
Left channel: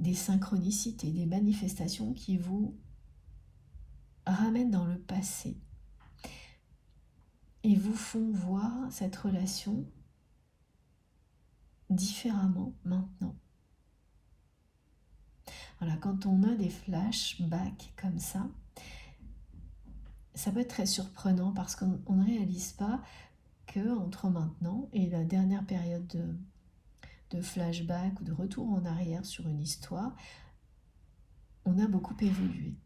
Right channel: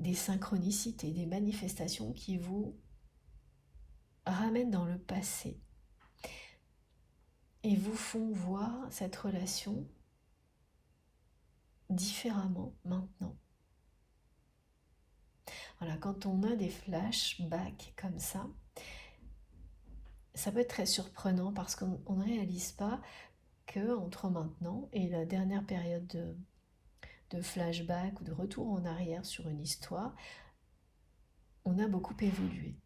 des synchronicités, des manifestations qui vous ramènent dans le passé et vous font voir cette relation différemment maintenant. Voilà, quand on a des flashbacks comme ça peut être très surprenant parce qu'on ne réalise pas que entre maintenant et la dernière période de flashback ou de retour en arrière sur une histoire, on a beaucoup évolué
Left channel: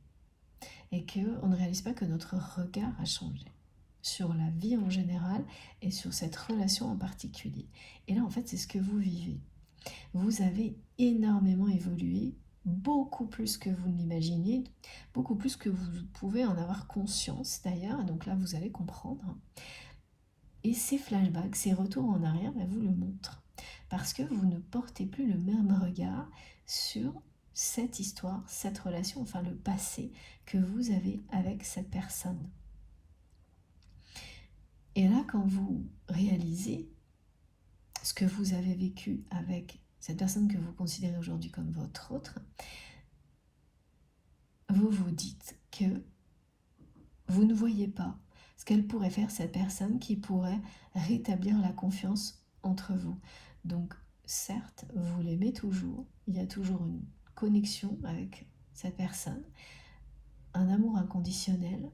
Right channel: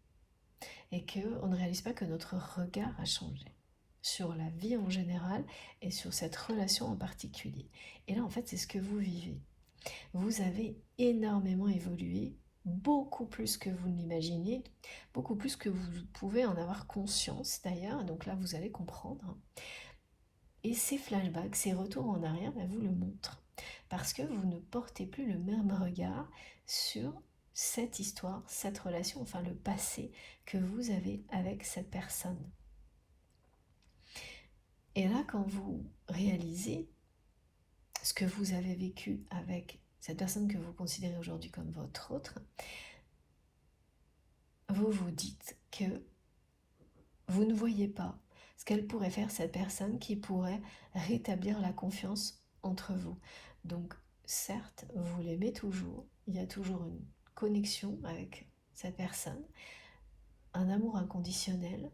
et qu'on ne réalise pas que notre regard a changé sur la vie en général et sur cette relation en particulier. Et là, en fait, c'est ce que vous vivez. Vous avez énormément évolué, beaucoup plus que vous ne l'imaginez, beaucoup plus que vous pouvez en avoir conscience d'ailleurs, donc là vous allez comprendre. Et ces flashbacks, ces retours en arrière, vous le montrent. Parce que vous ne portez plus le même regard sur cette histoire, cette relation, enfin le passé que vous avez avec cette personne. Et là, quand vous réalisez ce que vous avez vécu avec cette personne que vous considérez aujourd'hui comme votre autre, vous vous dites que vous ne voyez pas ce qu'elle pourrait faire, cette personne, qui pourrait rétablir la confiance entre vous. Donc, certes, vous l'aimez toujours, il y a toujours une connexion avec cette personne, un amour inconditionnel,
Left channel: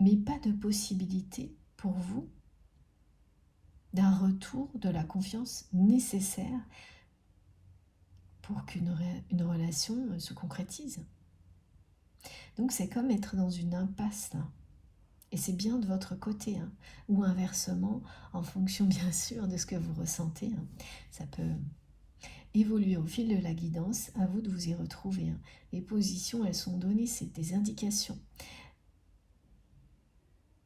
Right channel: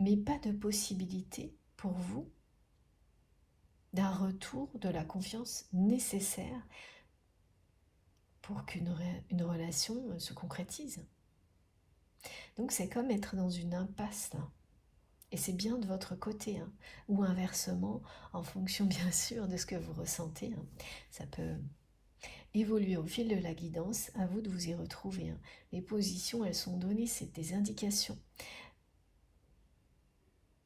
mais pas de possibilité pour vous d'un retour de la confiance nécessaire pour qu'une relation se concrétise. Donc c'est comme être dans une impasse là. Et c'est bien de votre côté, hein, ou inversement, en fonction bien sûr de ce que vous ressentez. Hein. Ça peut évoluer au fil de la guidance, à vous de vous y retrouver. Hein. Les positions, elles sont données, c'est des indications.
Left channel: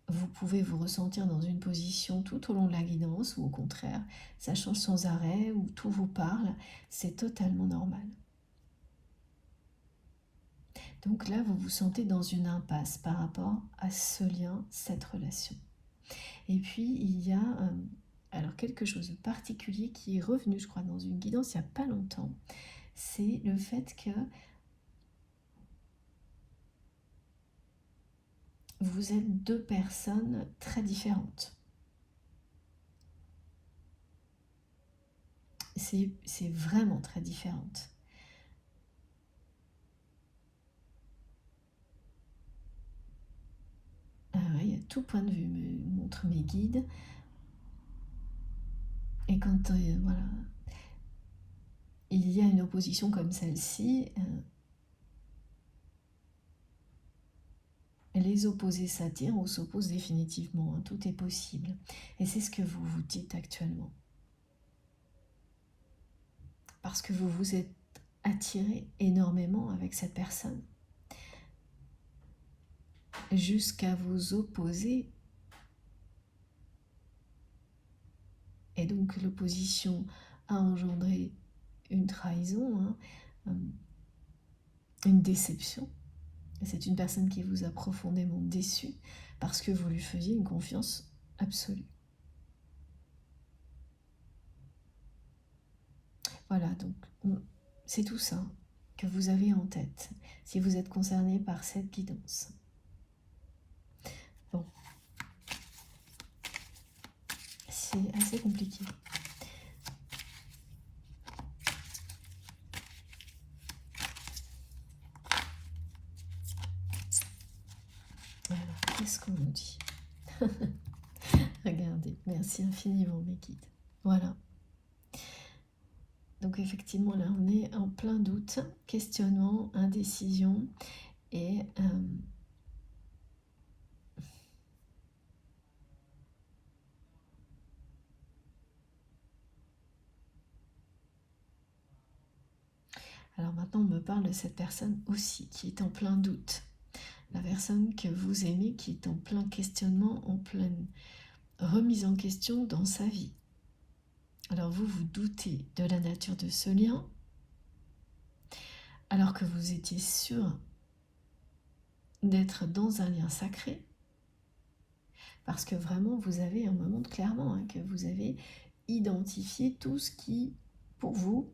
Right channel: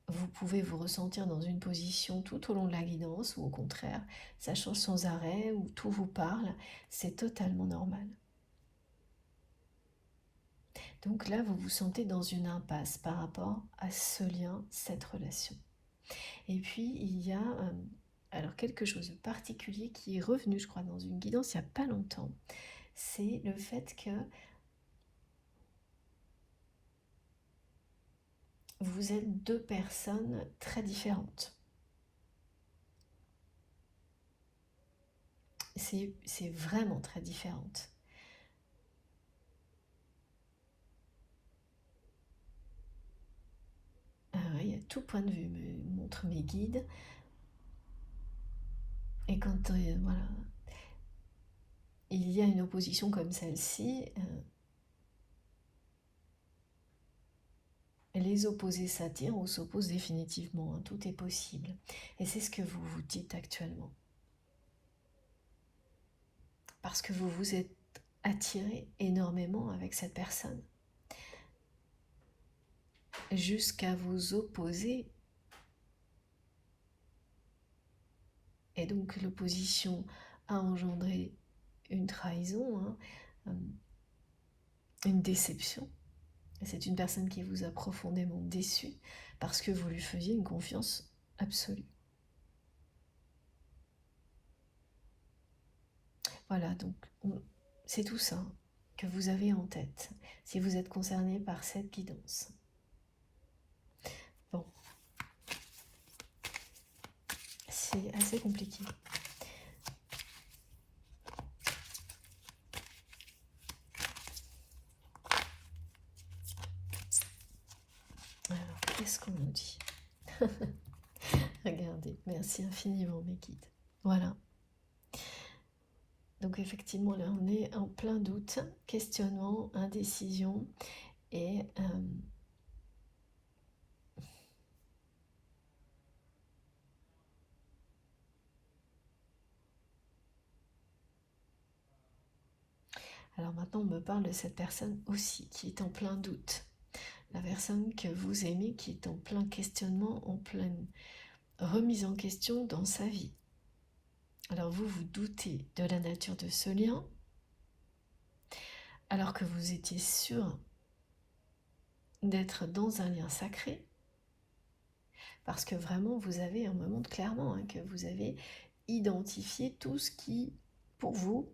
Vous pouvez vous ressentir dans une position tout au long de la guidance, ou au contraire, ça change sans arrêt, ou tout vous parle, c'est totalement normal. Donc là, vous vous sentez dans une impasse par rapport à ce lien, cette relation. Et puis, il y a alors quelque chose de particulier qui est revenu, je crois, dans une guidance il n'y a pas longtemps. C'est le fait que vous êtes deux personnes très différentes. C'est vraiment très différente. Il y a tout point de vue, me montrent mes guides. Et quand voilà, il y a une opposition comme celle-ci, les opposés s'attirent ou s'opposent définitivement. Hein, tout est possible. Et c'est ce que vous vous dites actuellement. Parce que vous vous êtes attiré énormément avec cette personne. Jusqu'à vous opposer. Et donc l'opposition a engendré une trahison, hein, une déception. Et c'est une personne qui vous a profondément déçu parce que vous lui faisiez une confiance absolue. Voilà, donc c'est tout ça que vous avez en tête si vous êtes concerné par cette guidance. Bon, c'est assez compliqué. Voilà, qu'est-ce qu'on nous dit? Regardez, merci infiniment mes guides. Voilà. Donc effectivement, là, on est en plein doute, questionnement, indécision et alors maintenant, on me parle de cette personne aussi qui est en plein doute. La personne que vous aimez qui est en plein questionnement, en pleine remise en question dans sa vie. Alors vous, vous doutez de la nature de ce lien, alors que vous étiez sûr d'être dans un lien sacré, parce que vraiment, vous avez, on me montre clairement hein, que vous avez identifié tout ce qui, pour vous,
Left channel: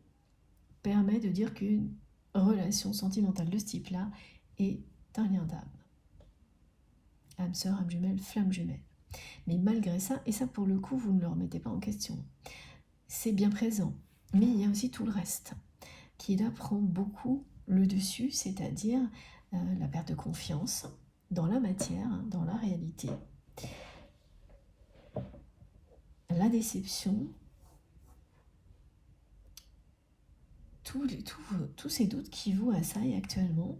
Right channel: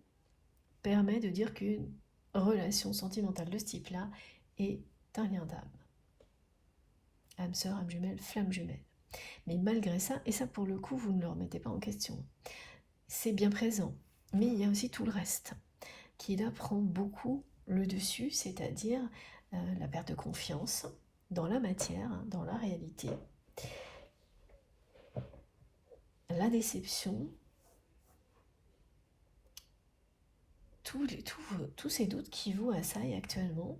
permet de dire qu'une relation sentimentale de ce type-là est un lien d'âme. Âme sœur, âme jumelle, flamme jumelle. Mais malgré ça, et ça pour le coup, vous ne le remettez pas en question, c'est bien présent. Mais il y a aussi tout le reste qui là prend beaucoup le dessus, c'est-à-dire la perte de confiance dans la matière, dans la réalité, la déception, tous ces doutes qui vous assaillent actuellement.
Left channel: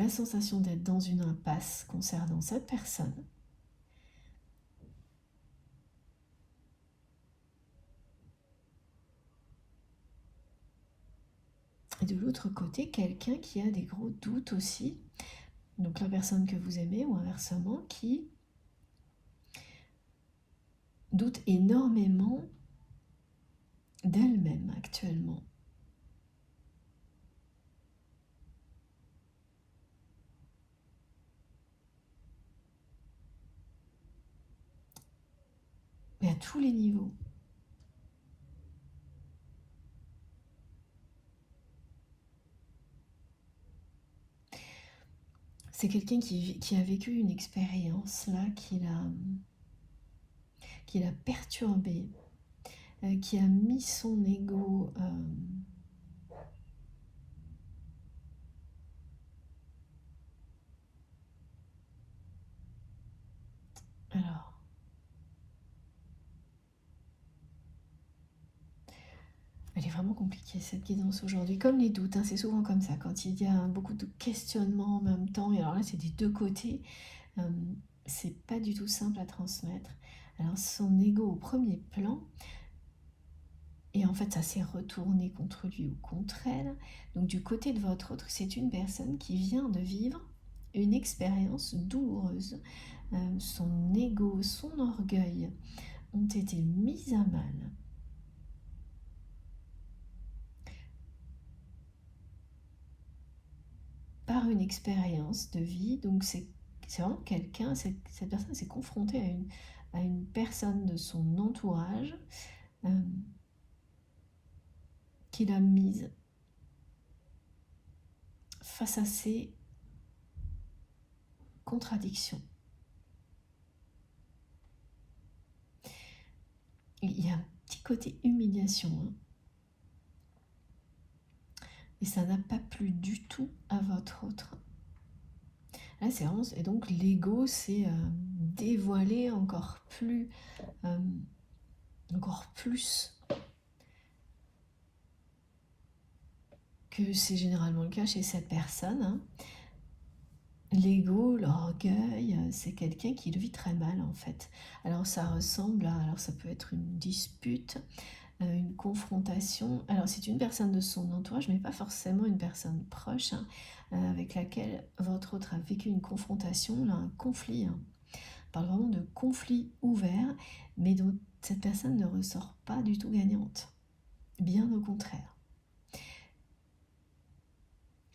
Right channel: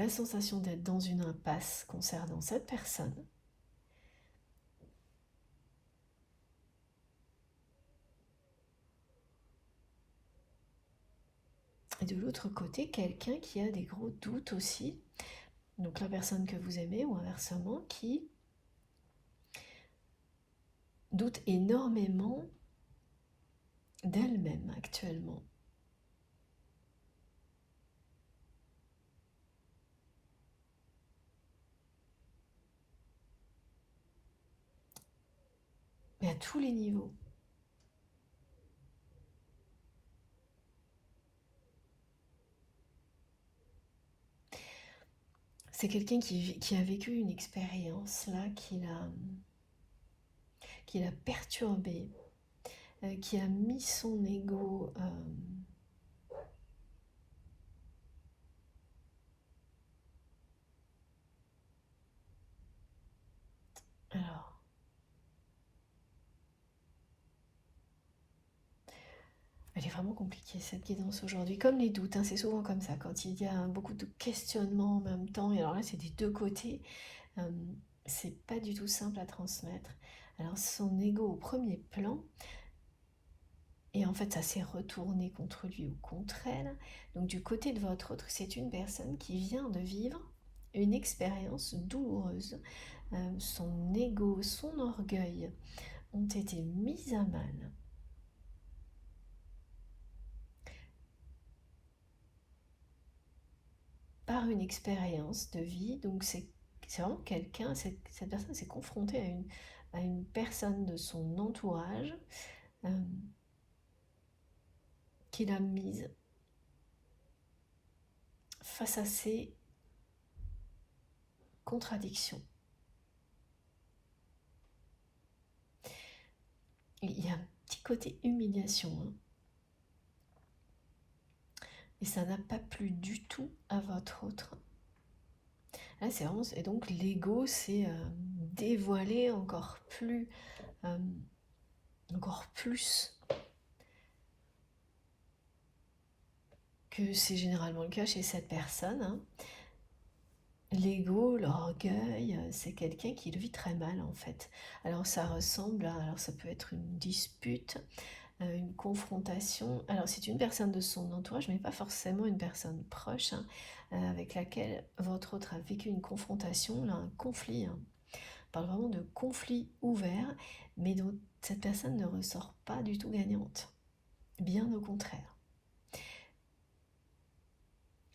la sensation d'être dans une impasse concernant cette personne. Et de l'autre côté, quelqu'un qui a des gros doutes aussi. Donc la personne que vous aimez ou inversement qui doute énormément d'elle-même actuellement. Mais à tous les niveaux. C'est quelqu'un qui a vécu une expérience là, qui l'a perturbé, qui a mis son ego alors, elle est vraiment compliquée cette guidance aujourd'hui, comme les doutes, hein, c'est souvent comme ça, quand il y a beaucoup de questionnements en même temps, et alors là c'est des deux côtés, c'est pas du tout simple à transmettre. Alors son ego au premier plan, et en fait ça s'est retourné contre lui ou contre elle. Donc du côté de votre autre, c'est une personne qui vient de vivre une expérience douloureuse. Son ego, son orgueil ont été mis à mal. Par une expérience de vie. Donc c'est vraiment quelqu'un, cette personne s'est confrontée à une personne de son entourage qui l'a mise face à ses contradictions. Il y a un petit côté humiliation, hein. Et ça n'a pas plu du tout à votre autre. Là, c'est vraiment, et donc l'ego s'est dévoilé encore plus que c'est généralement le cas chez cette personne, hein. L'ego, l'orgueil, c'est quelqu'un qui le vit très mal en fait. Alors ça ressemble à, alors ça peut être une dispute, une confrontation. Alors c'est une personne de son entourage, mais pas forcément une personne proche, hein, avec laquelle votre autre a vécu une confrontation, là, un conflit, hein. On parle vraiment de conflit ouvert, mais dont cette personne ne ressort pas du tout gagnante. Bien au contraire.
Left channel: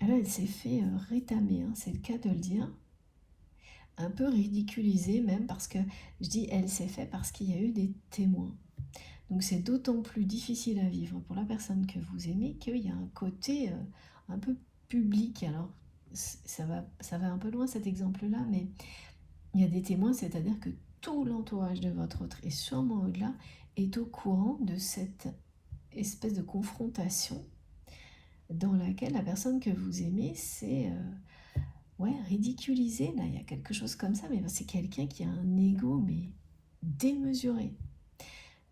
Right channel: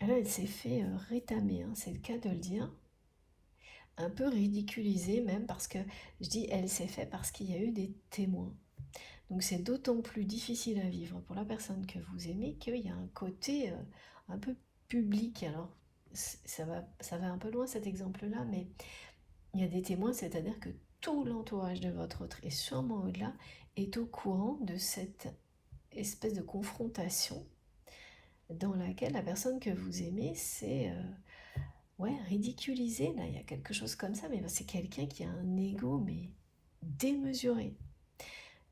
Là, elle s'est fait rétamer, hein, c'est le cas de le dire. Un peu ridiculisée même, parce que je dis elle s'est fait parce qu'il y a eu des témoins. Donc c'est d'autant plus difficile à vivre pour la personne que vous aimez qu'il y a un côté un peu public. Alors ça va un peu loin cet exemple-là, mais il y a des témoins, c'est-à-dire que tout l'entourage de votre autre et sûrement au-delà est au courant de cette espèce de confrontation dans laquelle la personne que vous aimez s'est ridiculisée. Là, il y a quelque chose comme ça, mais c'est quelqu'un qui a un ego mais démesuré.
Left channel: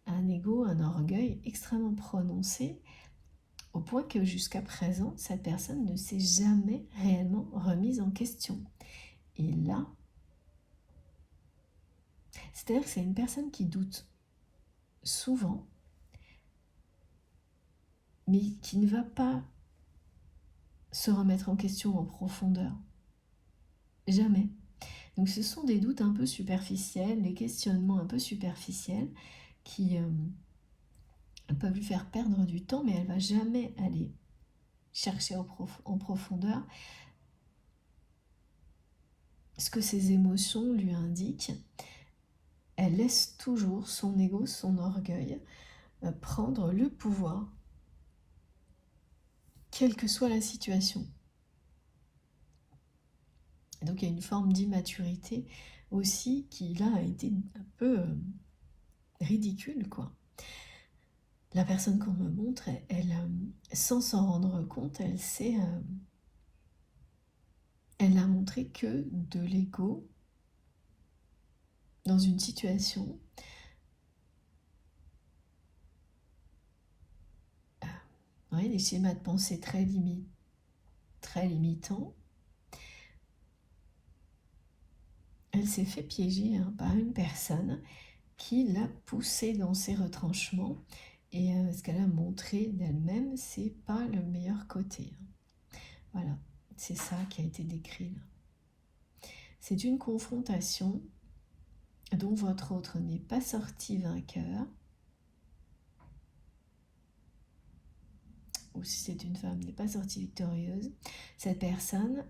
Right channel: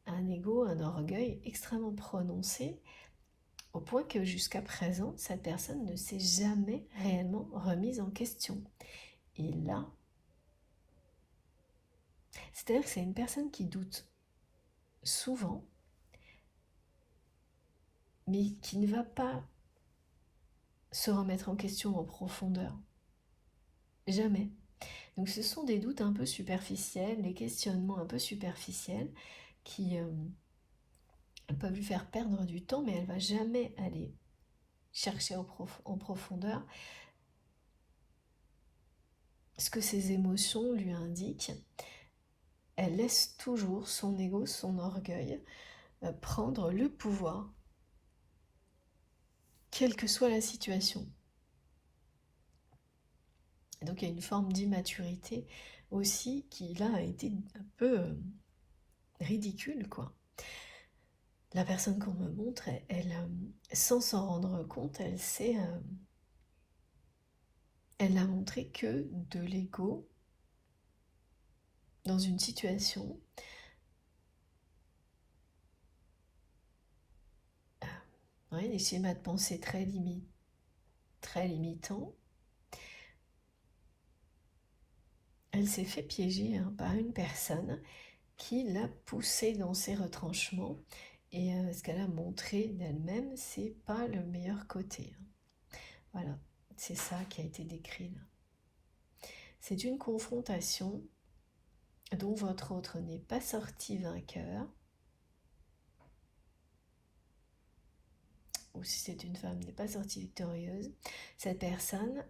Un ego, un orgueil extrêmement prononcé, au point que jusqu'à présent, cette personne ne s'est jamais réellement remise en question. Et là, c'est-à-dire que c'est une personne qui doute souvent, mais qui ne va pas se remettre en question en profondeur. Jamais. Donc ce sont des doutes un peu superficiels, des questionnements un peu superficiels qui peuvent lui faire perdre du temps, mais elle ne va jamais aller chercher en profondeur ce que ses émotions lui indiquent. Elle laisse toujours son ego, son orgueil prendre le pouvoir, quelle que soit la situation. Et donc il y a une forme d'immaturité aussi qui là a été un peu ridicule, quoi. La personne qu'on me montre, elle sans s'en rendre compte, elle n'a montré que de l'ego dans une situation des schémas de pensée très limitants, s'est fait piéger par une personne qui l'a poussée dans ses retranchements. Et ce qu'elle a montré d'elle-même, c'est pas le meilleur côté. Voilà, c'est ça qui a été décrit là. C'est une confrontation dont votre autre n'est pas sorti vainqueur, ou si c'est une femme, n'est pas sortie victorieuse. Cette personne,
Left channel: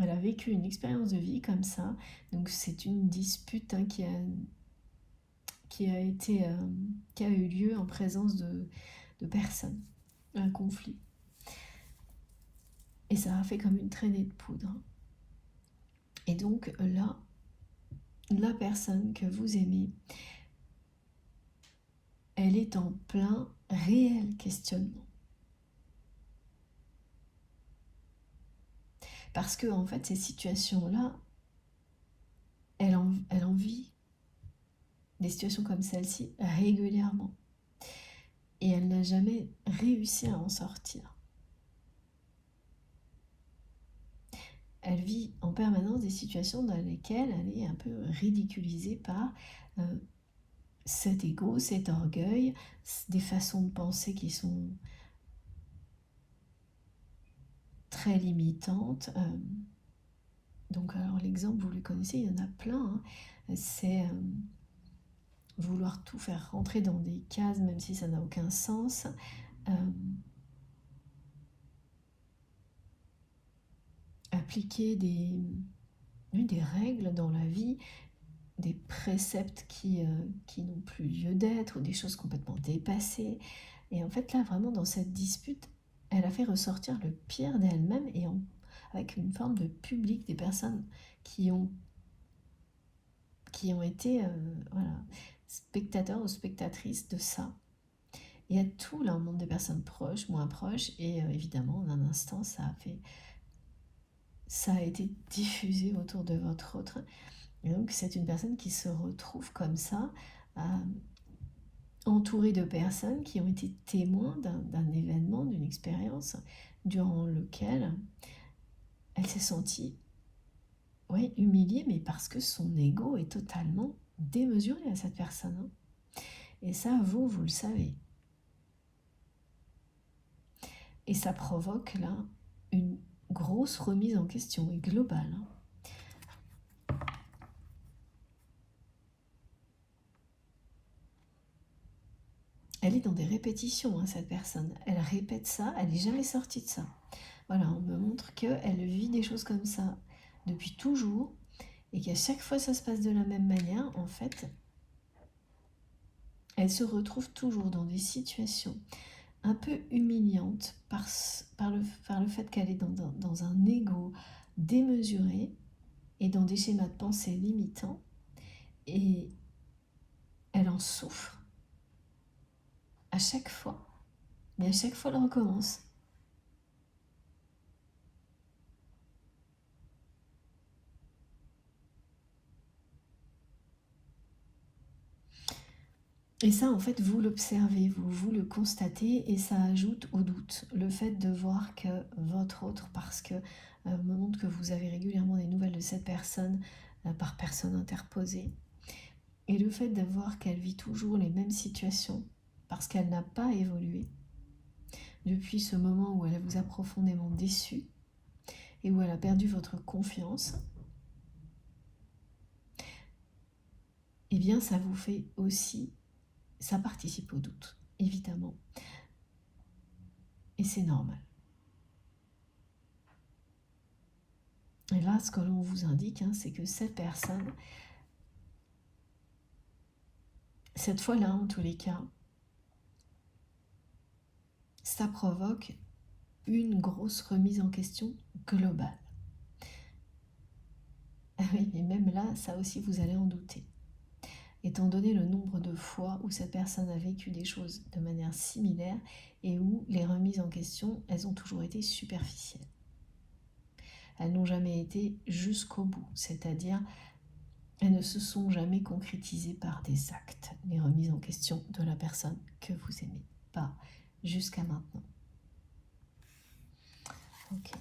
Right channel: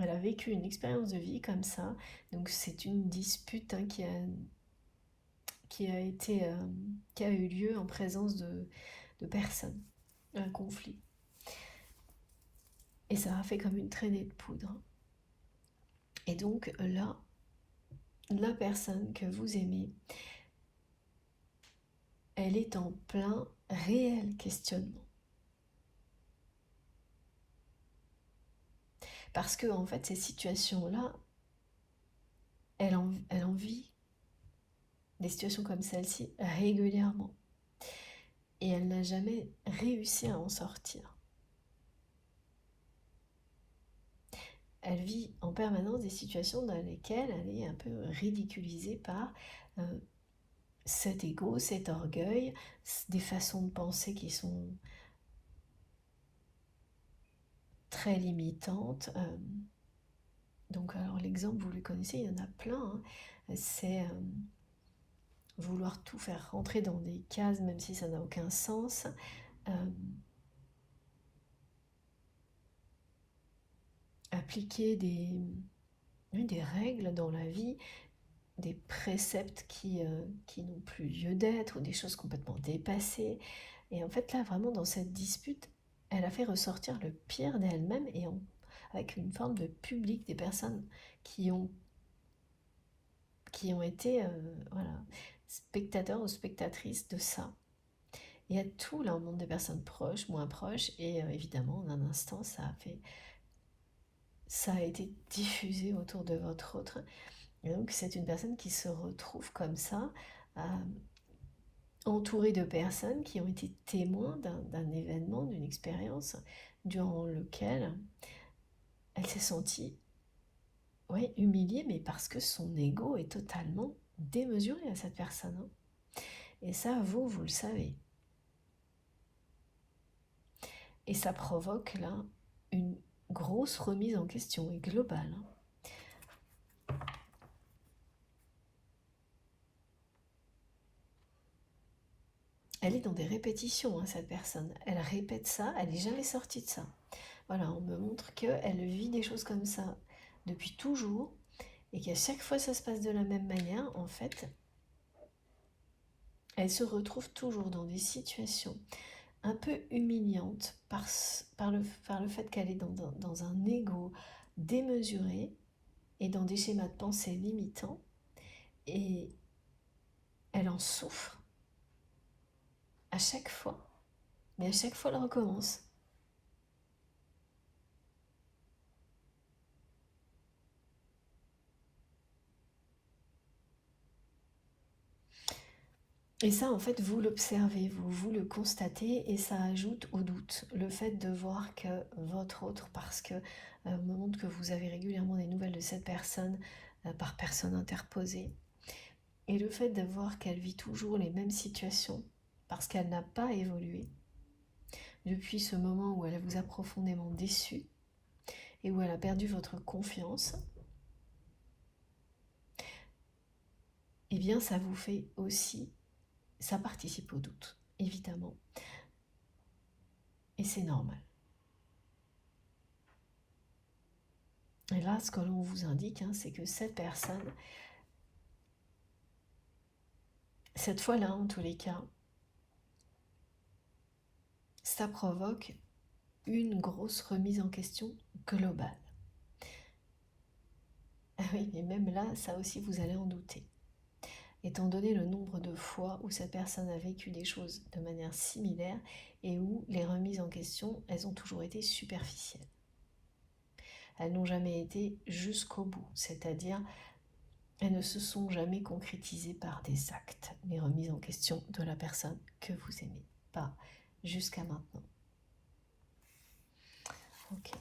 elle a vécu une expérience de vie comme ça, donc c'est une dispute qui a eu lieu en présence de personnes, un conflit. Et ça a fait comme une traînée de poudre. Et donc là, la personne que vous aimez, elle est en plein réel questionnement. Parce que en fait, ces situations-là, elle en vit des situations comme celle-ci régulièrement. Et elle n'a jamais réussi à en sortir. Elle vit en permanence des situations dans lesquelles elle est un peu ridiculisée par cet ego, cet orgueil, des façons de penser qui sont très limitantes. Donc alors l'exemple, vous le connaissez, il y en a plein. C'est vouloir tout faire rentrer dans des cases, même si ça n'a aucun sens. Appliquer des règles dans la vie, des préceptes qui n'ont plus lieu d'être, ou des choses complètement dépassées. Et en fait, là, vraiment, dans cette dispute, elle a fait ressortir le pire d'elle-même, et avec une forme de public, des personnes qui ont été voilà, spectateurs ou spectatrices de ça. Il y a tout là, un monde des personnes proches, moins proches, et évidemment, en un instant, ça a été diffusé autour de votre autre. Et donc, c'est une personne qui se retrouve comme ça, entourée de personnes qui ont été témoins d'un événement, d'une expérience, durant lequel elle s'est sentie humiliée, mais parce que son ego est totalement démesuré à cette personne. Et ça, vous le savez. Et ça provoque là une grosse remise en question et globale. Elle est dans des répétitions, cette personne. Elle répète ça, elle n'est jamais sortie de ça. Voilà, on me montre qu'elle vit des choses comme ça depuis toujours, et qu'à chaque fois ça se passe de la même manière. En fait, elle se retrouve toujours dans des situations un peu humiliantes par le fait qu'elle est dans un ego démesuré et dans des schémas de pensée limitants, et elle en souffre à chaque fois, mais à chaque fois elle recommence. Et ça, en fait, vous l'observez, vous le constatez, et ça ajoute au doute. Le fait de voir que votre autre, parce que me montre que vous avez régulièrement des nouvelles de cette personne par personne interposée, et le fait de voir qu'elle vit toujours les mêmes situations, parce qu'elle n'a pas évolué depuis ce moment où elle vous a profondément déçu, et où elle a perdu votre confiance, eh bien ça vous fait aussi, ça participe au doute, évidemment. Et c'est normal. Et là, ce que l'on vous indique, c'est que cette personne, cette fois-là, en tous les cas, ça provoque une grosse remise en question globale. Ah oui, mais même là, ça aussi, vous allez en douter. Étant donné le nombre de fois où cette personne a vécu des choses de manière similaire, et où les remises en question, elles ont toujours été superficielles. Elles n'ont jamais été jusqu'au bout, c'est-à-dire elles ne se sont jamais concrétisées par des actes, les remises en question de la personne que vous aimez, pas jusqu'à maintenant. Ok.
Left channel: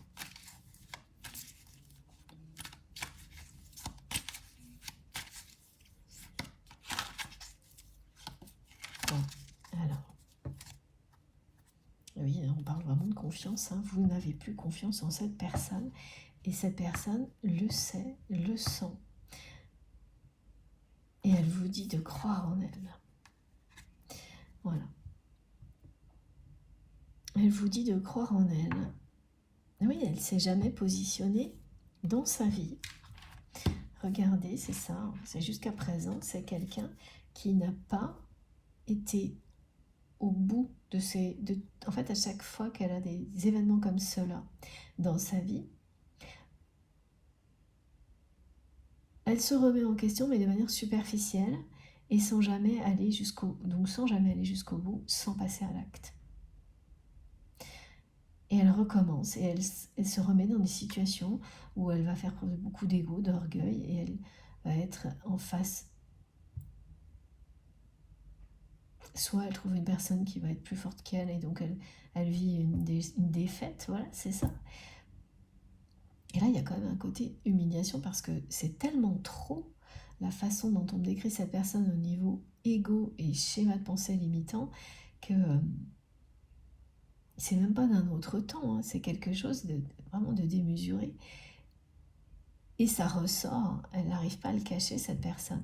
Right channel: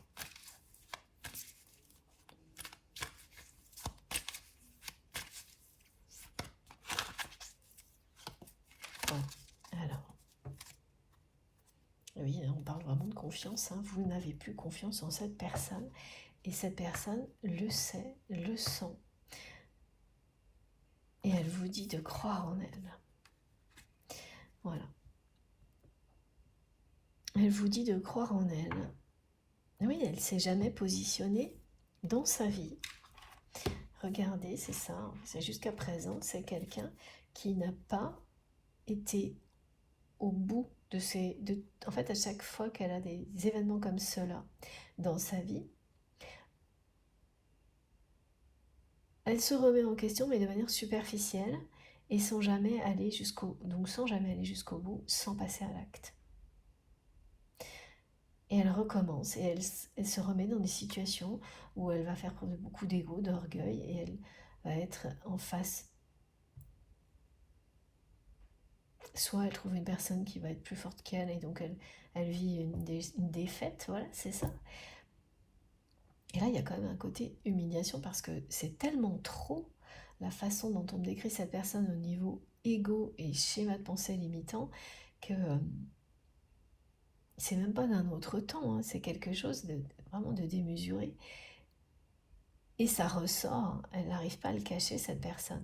confiance, hein, vous n'avez plus confiance en cette personne, et cette personne le sait, le sent, et elle vous dit de croire en elle. Voilà. Elle vous dit de croire en elle. Oui, elle ne s'est jamais positionnée dans sa vie. Regardez, c'est ça, c'est jusqu'à présent, c'est quelqu'un qui n'a pas été au bout de ses... en fait, à chaque fois qu'elle a des événements comme cela dans sa vie, elle se remet en question, mais de manière superficielle, et sans jamais aller jusqu'au bout, sans passer à l'acte. Et elle recommence, et elle se remet dans des situations où elle va faire preuve de beaucoup d'ego, d'orgueil, et elle va être en face. Soit elle trouve une personne qui va être plus forte qu'elle, et donc elle vit une défaite, voilà, c'est ça. Et là, il y a quand même un côté humiliation, parce que c'est tellement trop la façon dont on décrit cette personne au niveau égo et schéma de pensée limitant, que c'est même pas d'un autre temps, hein, c'est quelque chose de vraiment de démesuré. Et ça ressort, elle n'arrive pas à le cacher, cette personne.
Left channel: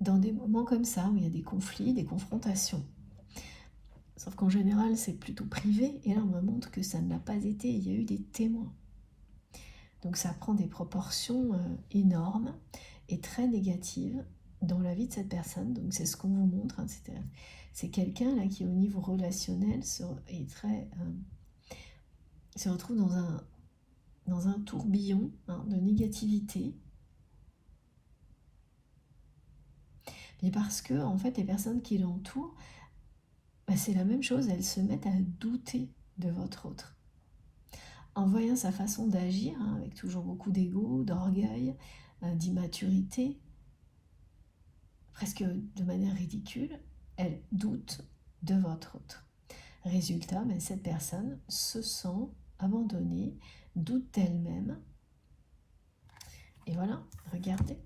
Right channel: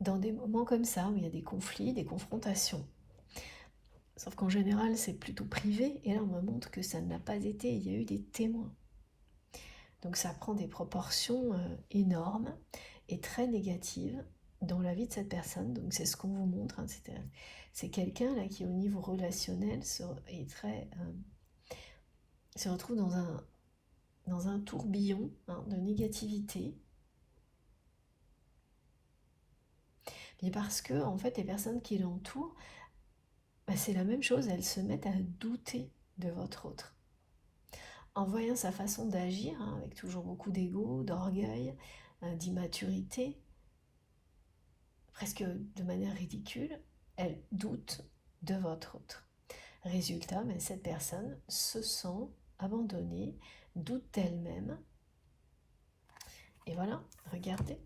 Dans des moments comme ça, où il y a des conflits, des confrontations. Sauf qu'en général, c'est plutôt privé, et là on me montre que ça ne l'a pas été, il y a eu des témoins. Donc ça prend des proportions énormes et très négatives dans la vie de cette personne. Donc c'est ce qu'on vous montre, hein, c'est quelqu'un là qui au niveau relationnel se retrouve dans un tourbillon, hein, de négativité. Mais parce que en fait les personnes qui l'entourent, c'est la même chose, elles se mettent à douter de votre autre. En voyant sa façon d'agir, hein, avec toujours beaucoup d'ego, d'orgueil, d'immaturité, presque de manière ridicule, elles doutent de votre autre. Résultat, cette personne se sent abandonnée, doute d'elle-même. Et voilà, regardez.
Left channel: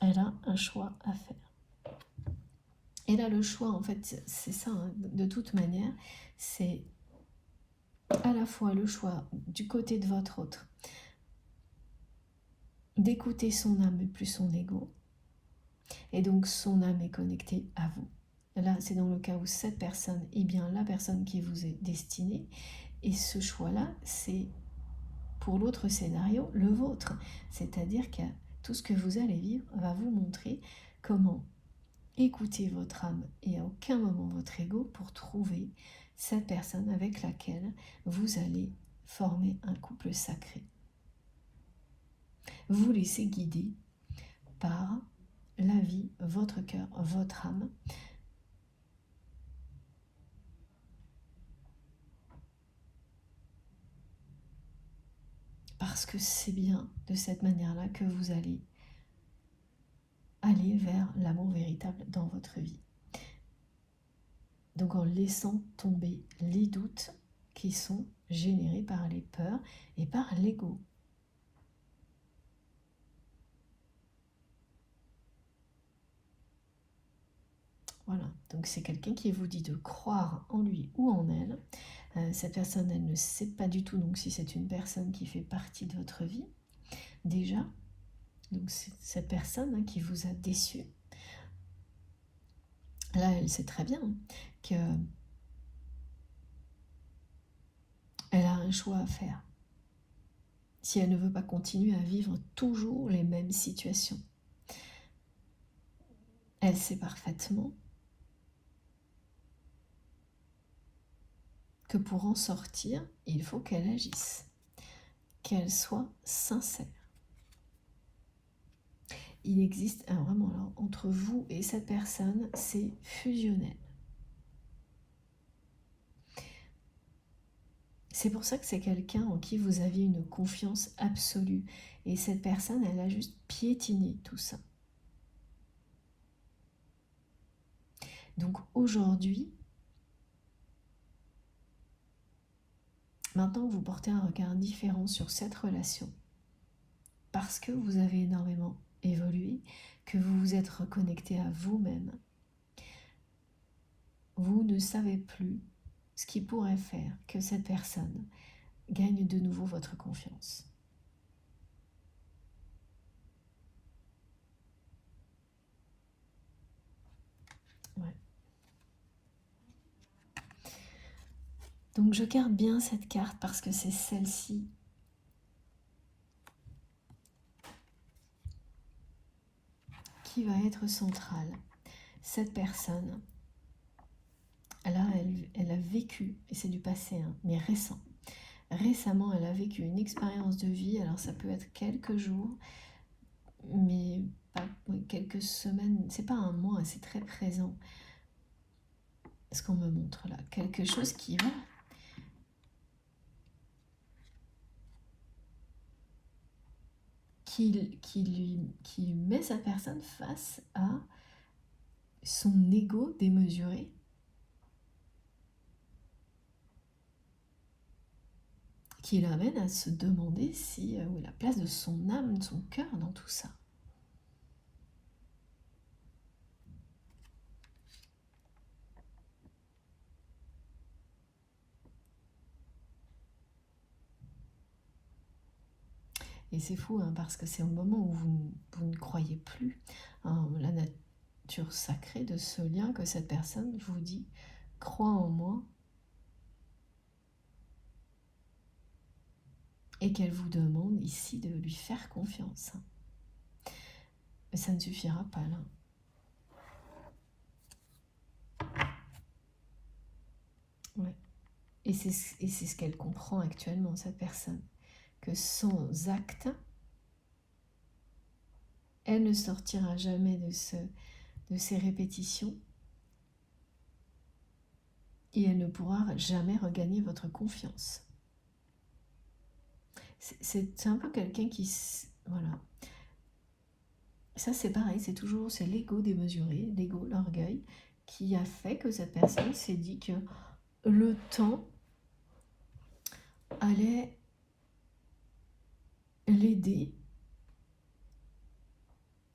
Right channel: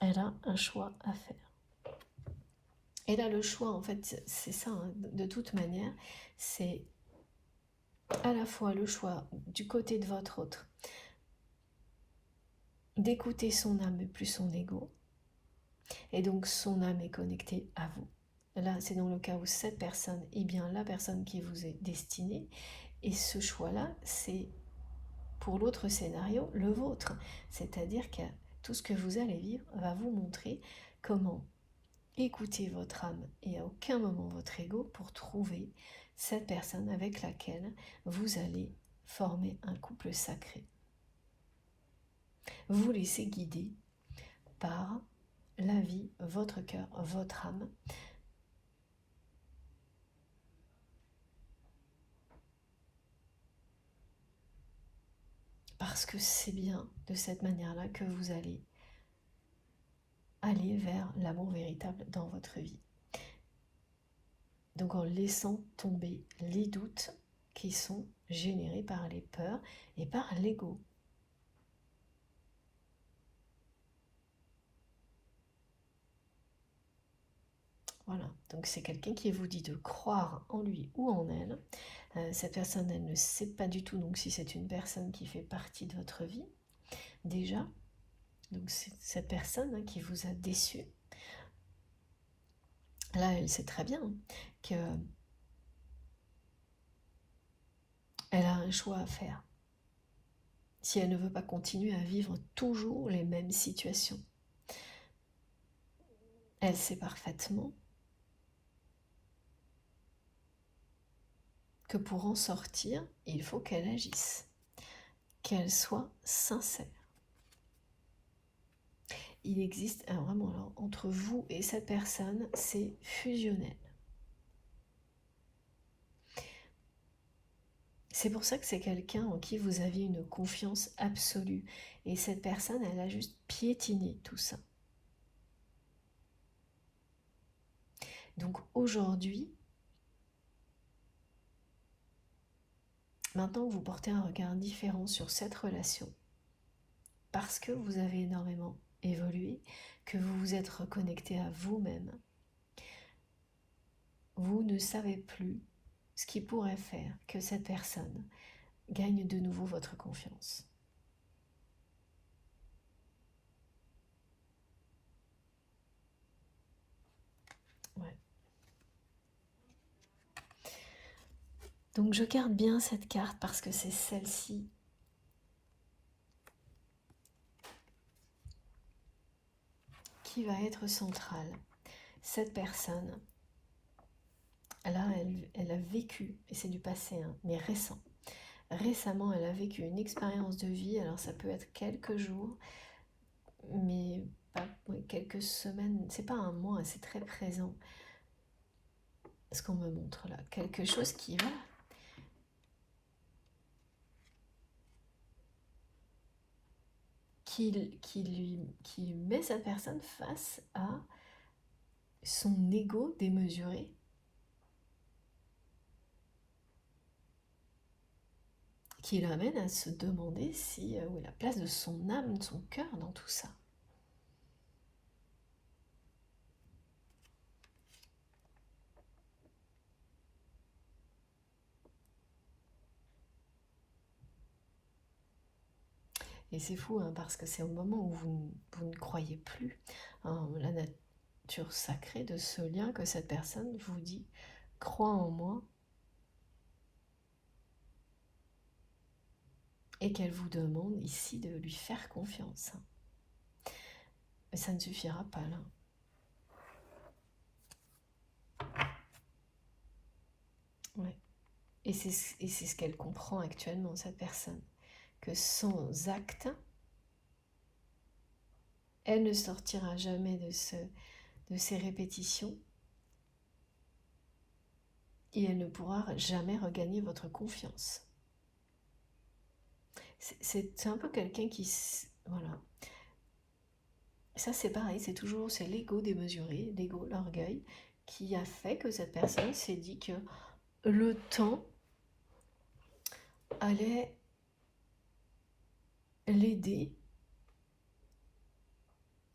Elle a un choix à faire. Et là, le choix, en fait, c'est ça, hein, de toute manière, c'est à la fois le choix du côté de votre autre, d'écouter son âme et plus son ego, et donc son âme est connectée à vous. Là, c'est dans le cas où cette personne est bien la personne qui vous est destinée, et ce choix-là, c'est pour l'autre scénario, le vôtre. C'est-à-dire que tout ce que vous allez vivre va vous montrer comment écouter votre âme et à aucun moment votre ego pour trouver cette personne avec laquelle vous allez former un couple sacré. Vous laissez guider par la vie, votre cœur, votre âme. Parce que c'est bien de cette manière-là que vous allez aller vers l'amour véritable dans votre vie. Donc en laissant tomber les doutes qui sont générés par les peurs et par l'ego. Voilà, donc c'est quelqu'un qui vous dit de croire en lui ou en elle. Cette personne, elle ne sait pas du tout donc si c'est une personne qui fait partie de votre vie, déjà. Donc c'est cette personne, hein, qui vous a déçu. Là, elle sait très bien que elle a un choix à faire. Si elle ne veut pas continuer à vivre toujours les mêmes situations. Elle sait parfaitement que pour en sortir, il faut qu'elle agisse, qu'elle soit sincère. Il existe vraiment là, entre vous et cette personne, c'est fusionnel. C'est pour ça que c'est quelqu'un en qui vous avez une confiance absolue. Et cette personne, elle a juste piétiné tout ça. Donc aujourd'hui, maintenant vous portez un regard différent sur cette relation. Parce que vous avez énormément évolué, que vous vous êtes reconnecté à vous-même. vous ne savez plus ce qui pourrait faire que cette personne gagne de nouveau votre confiance. Ouais. Donc je garde bien cette carte parce que c'est celle-ci qui va être centrale. Cette personne, là, elle a vécu, et c'est du passé, hein, mais récent. Récemment, elle a vécu une expérience de vie, alors ça peut être quelques jours, mais pas, quelques semaines, c'est pas un mois, c'est très présent. Ce qu'on me montre là, quelque chose qui va qui met cette personne face à son ego démesuré, qui l'amène à se demander si où est la place de son âme, de son cœur dans tout ça. Et c'est fou, hein, parce que c'est au moment où vous ne croyez plus en la nature sacrée de ce lien que cette personne vous dit « crois en moi » et qu'elle vous demande ici de lui faire confiance. Mais ça ne suffira pas là. Ouais. Et c'est ce qu'elle comprend actuellement, cette personne. Que sans acte, elle ne sortira jamais de ces répétitions et elle ne pourra jamais regagner votre confiance. C'est un peu quelqu'un qui... Voilà. Ça c'est pareil, c'est l'ego démesuré, l'ego, l'orgueil, qui a fait que cette personne s'est dit que le temps allait l'aider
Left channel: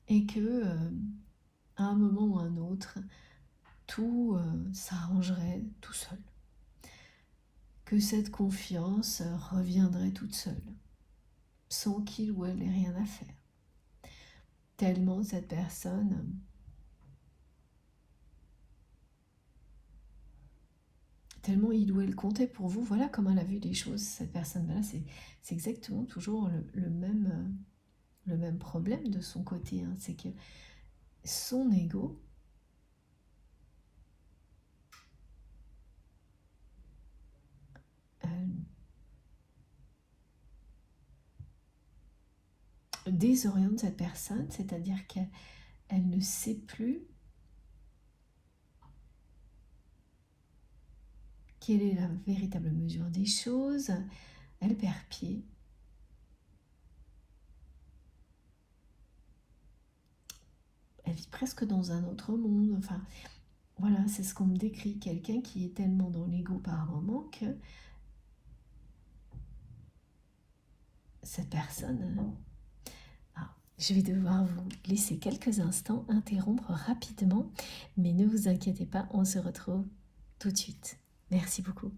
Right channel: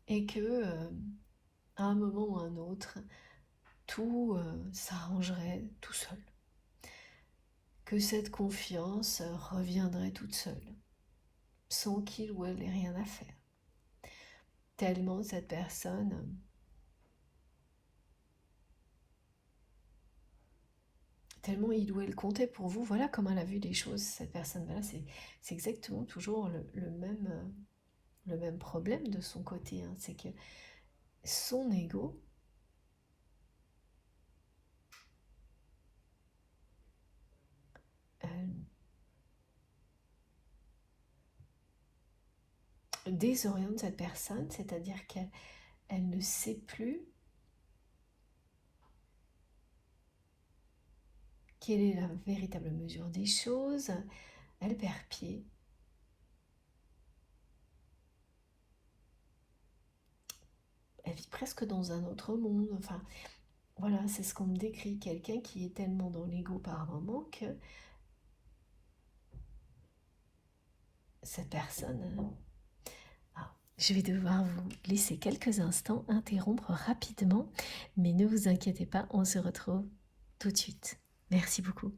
et que à un moment ou à un autre, tout s'arrangerait tout seul. Que cette confiance reviendrait toute seule, sans qu'il ou elle n'ait rien à faire. Tellement cette personne tellement il ou elle comptait pour vous, voilà comment elle a vu les choses, cette personne-là, c'est exactement toujours le même problème de son côté, hein. C'est que son ego désoriente cette personne, c'est-à-dire qu'elle ne sait plus quelle est la véritable mesure des choses, elle perd pied. Elle vit presque dans un autre monde, enfin, voilà, c'est ce qu'on me décrit, quelqu'un qui est tellement dans l'ego par moment que cette personne... Je vais devoir vous laisser quelques instants, interrompre rapidement, mais ne vous inquiétez pas, on se retrouve tout de suite. Merci beaucoup.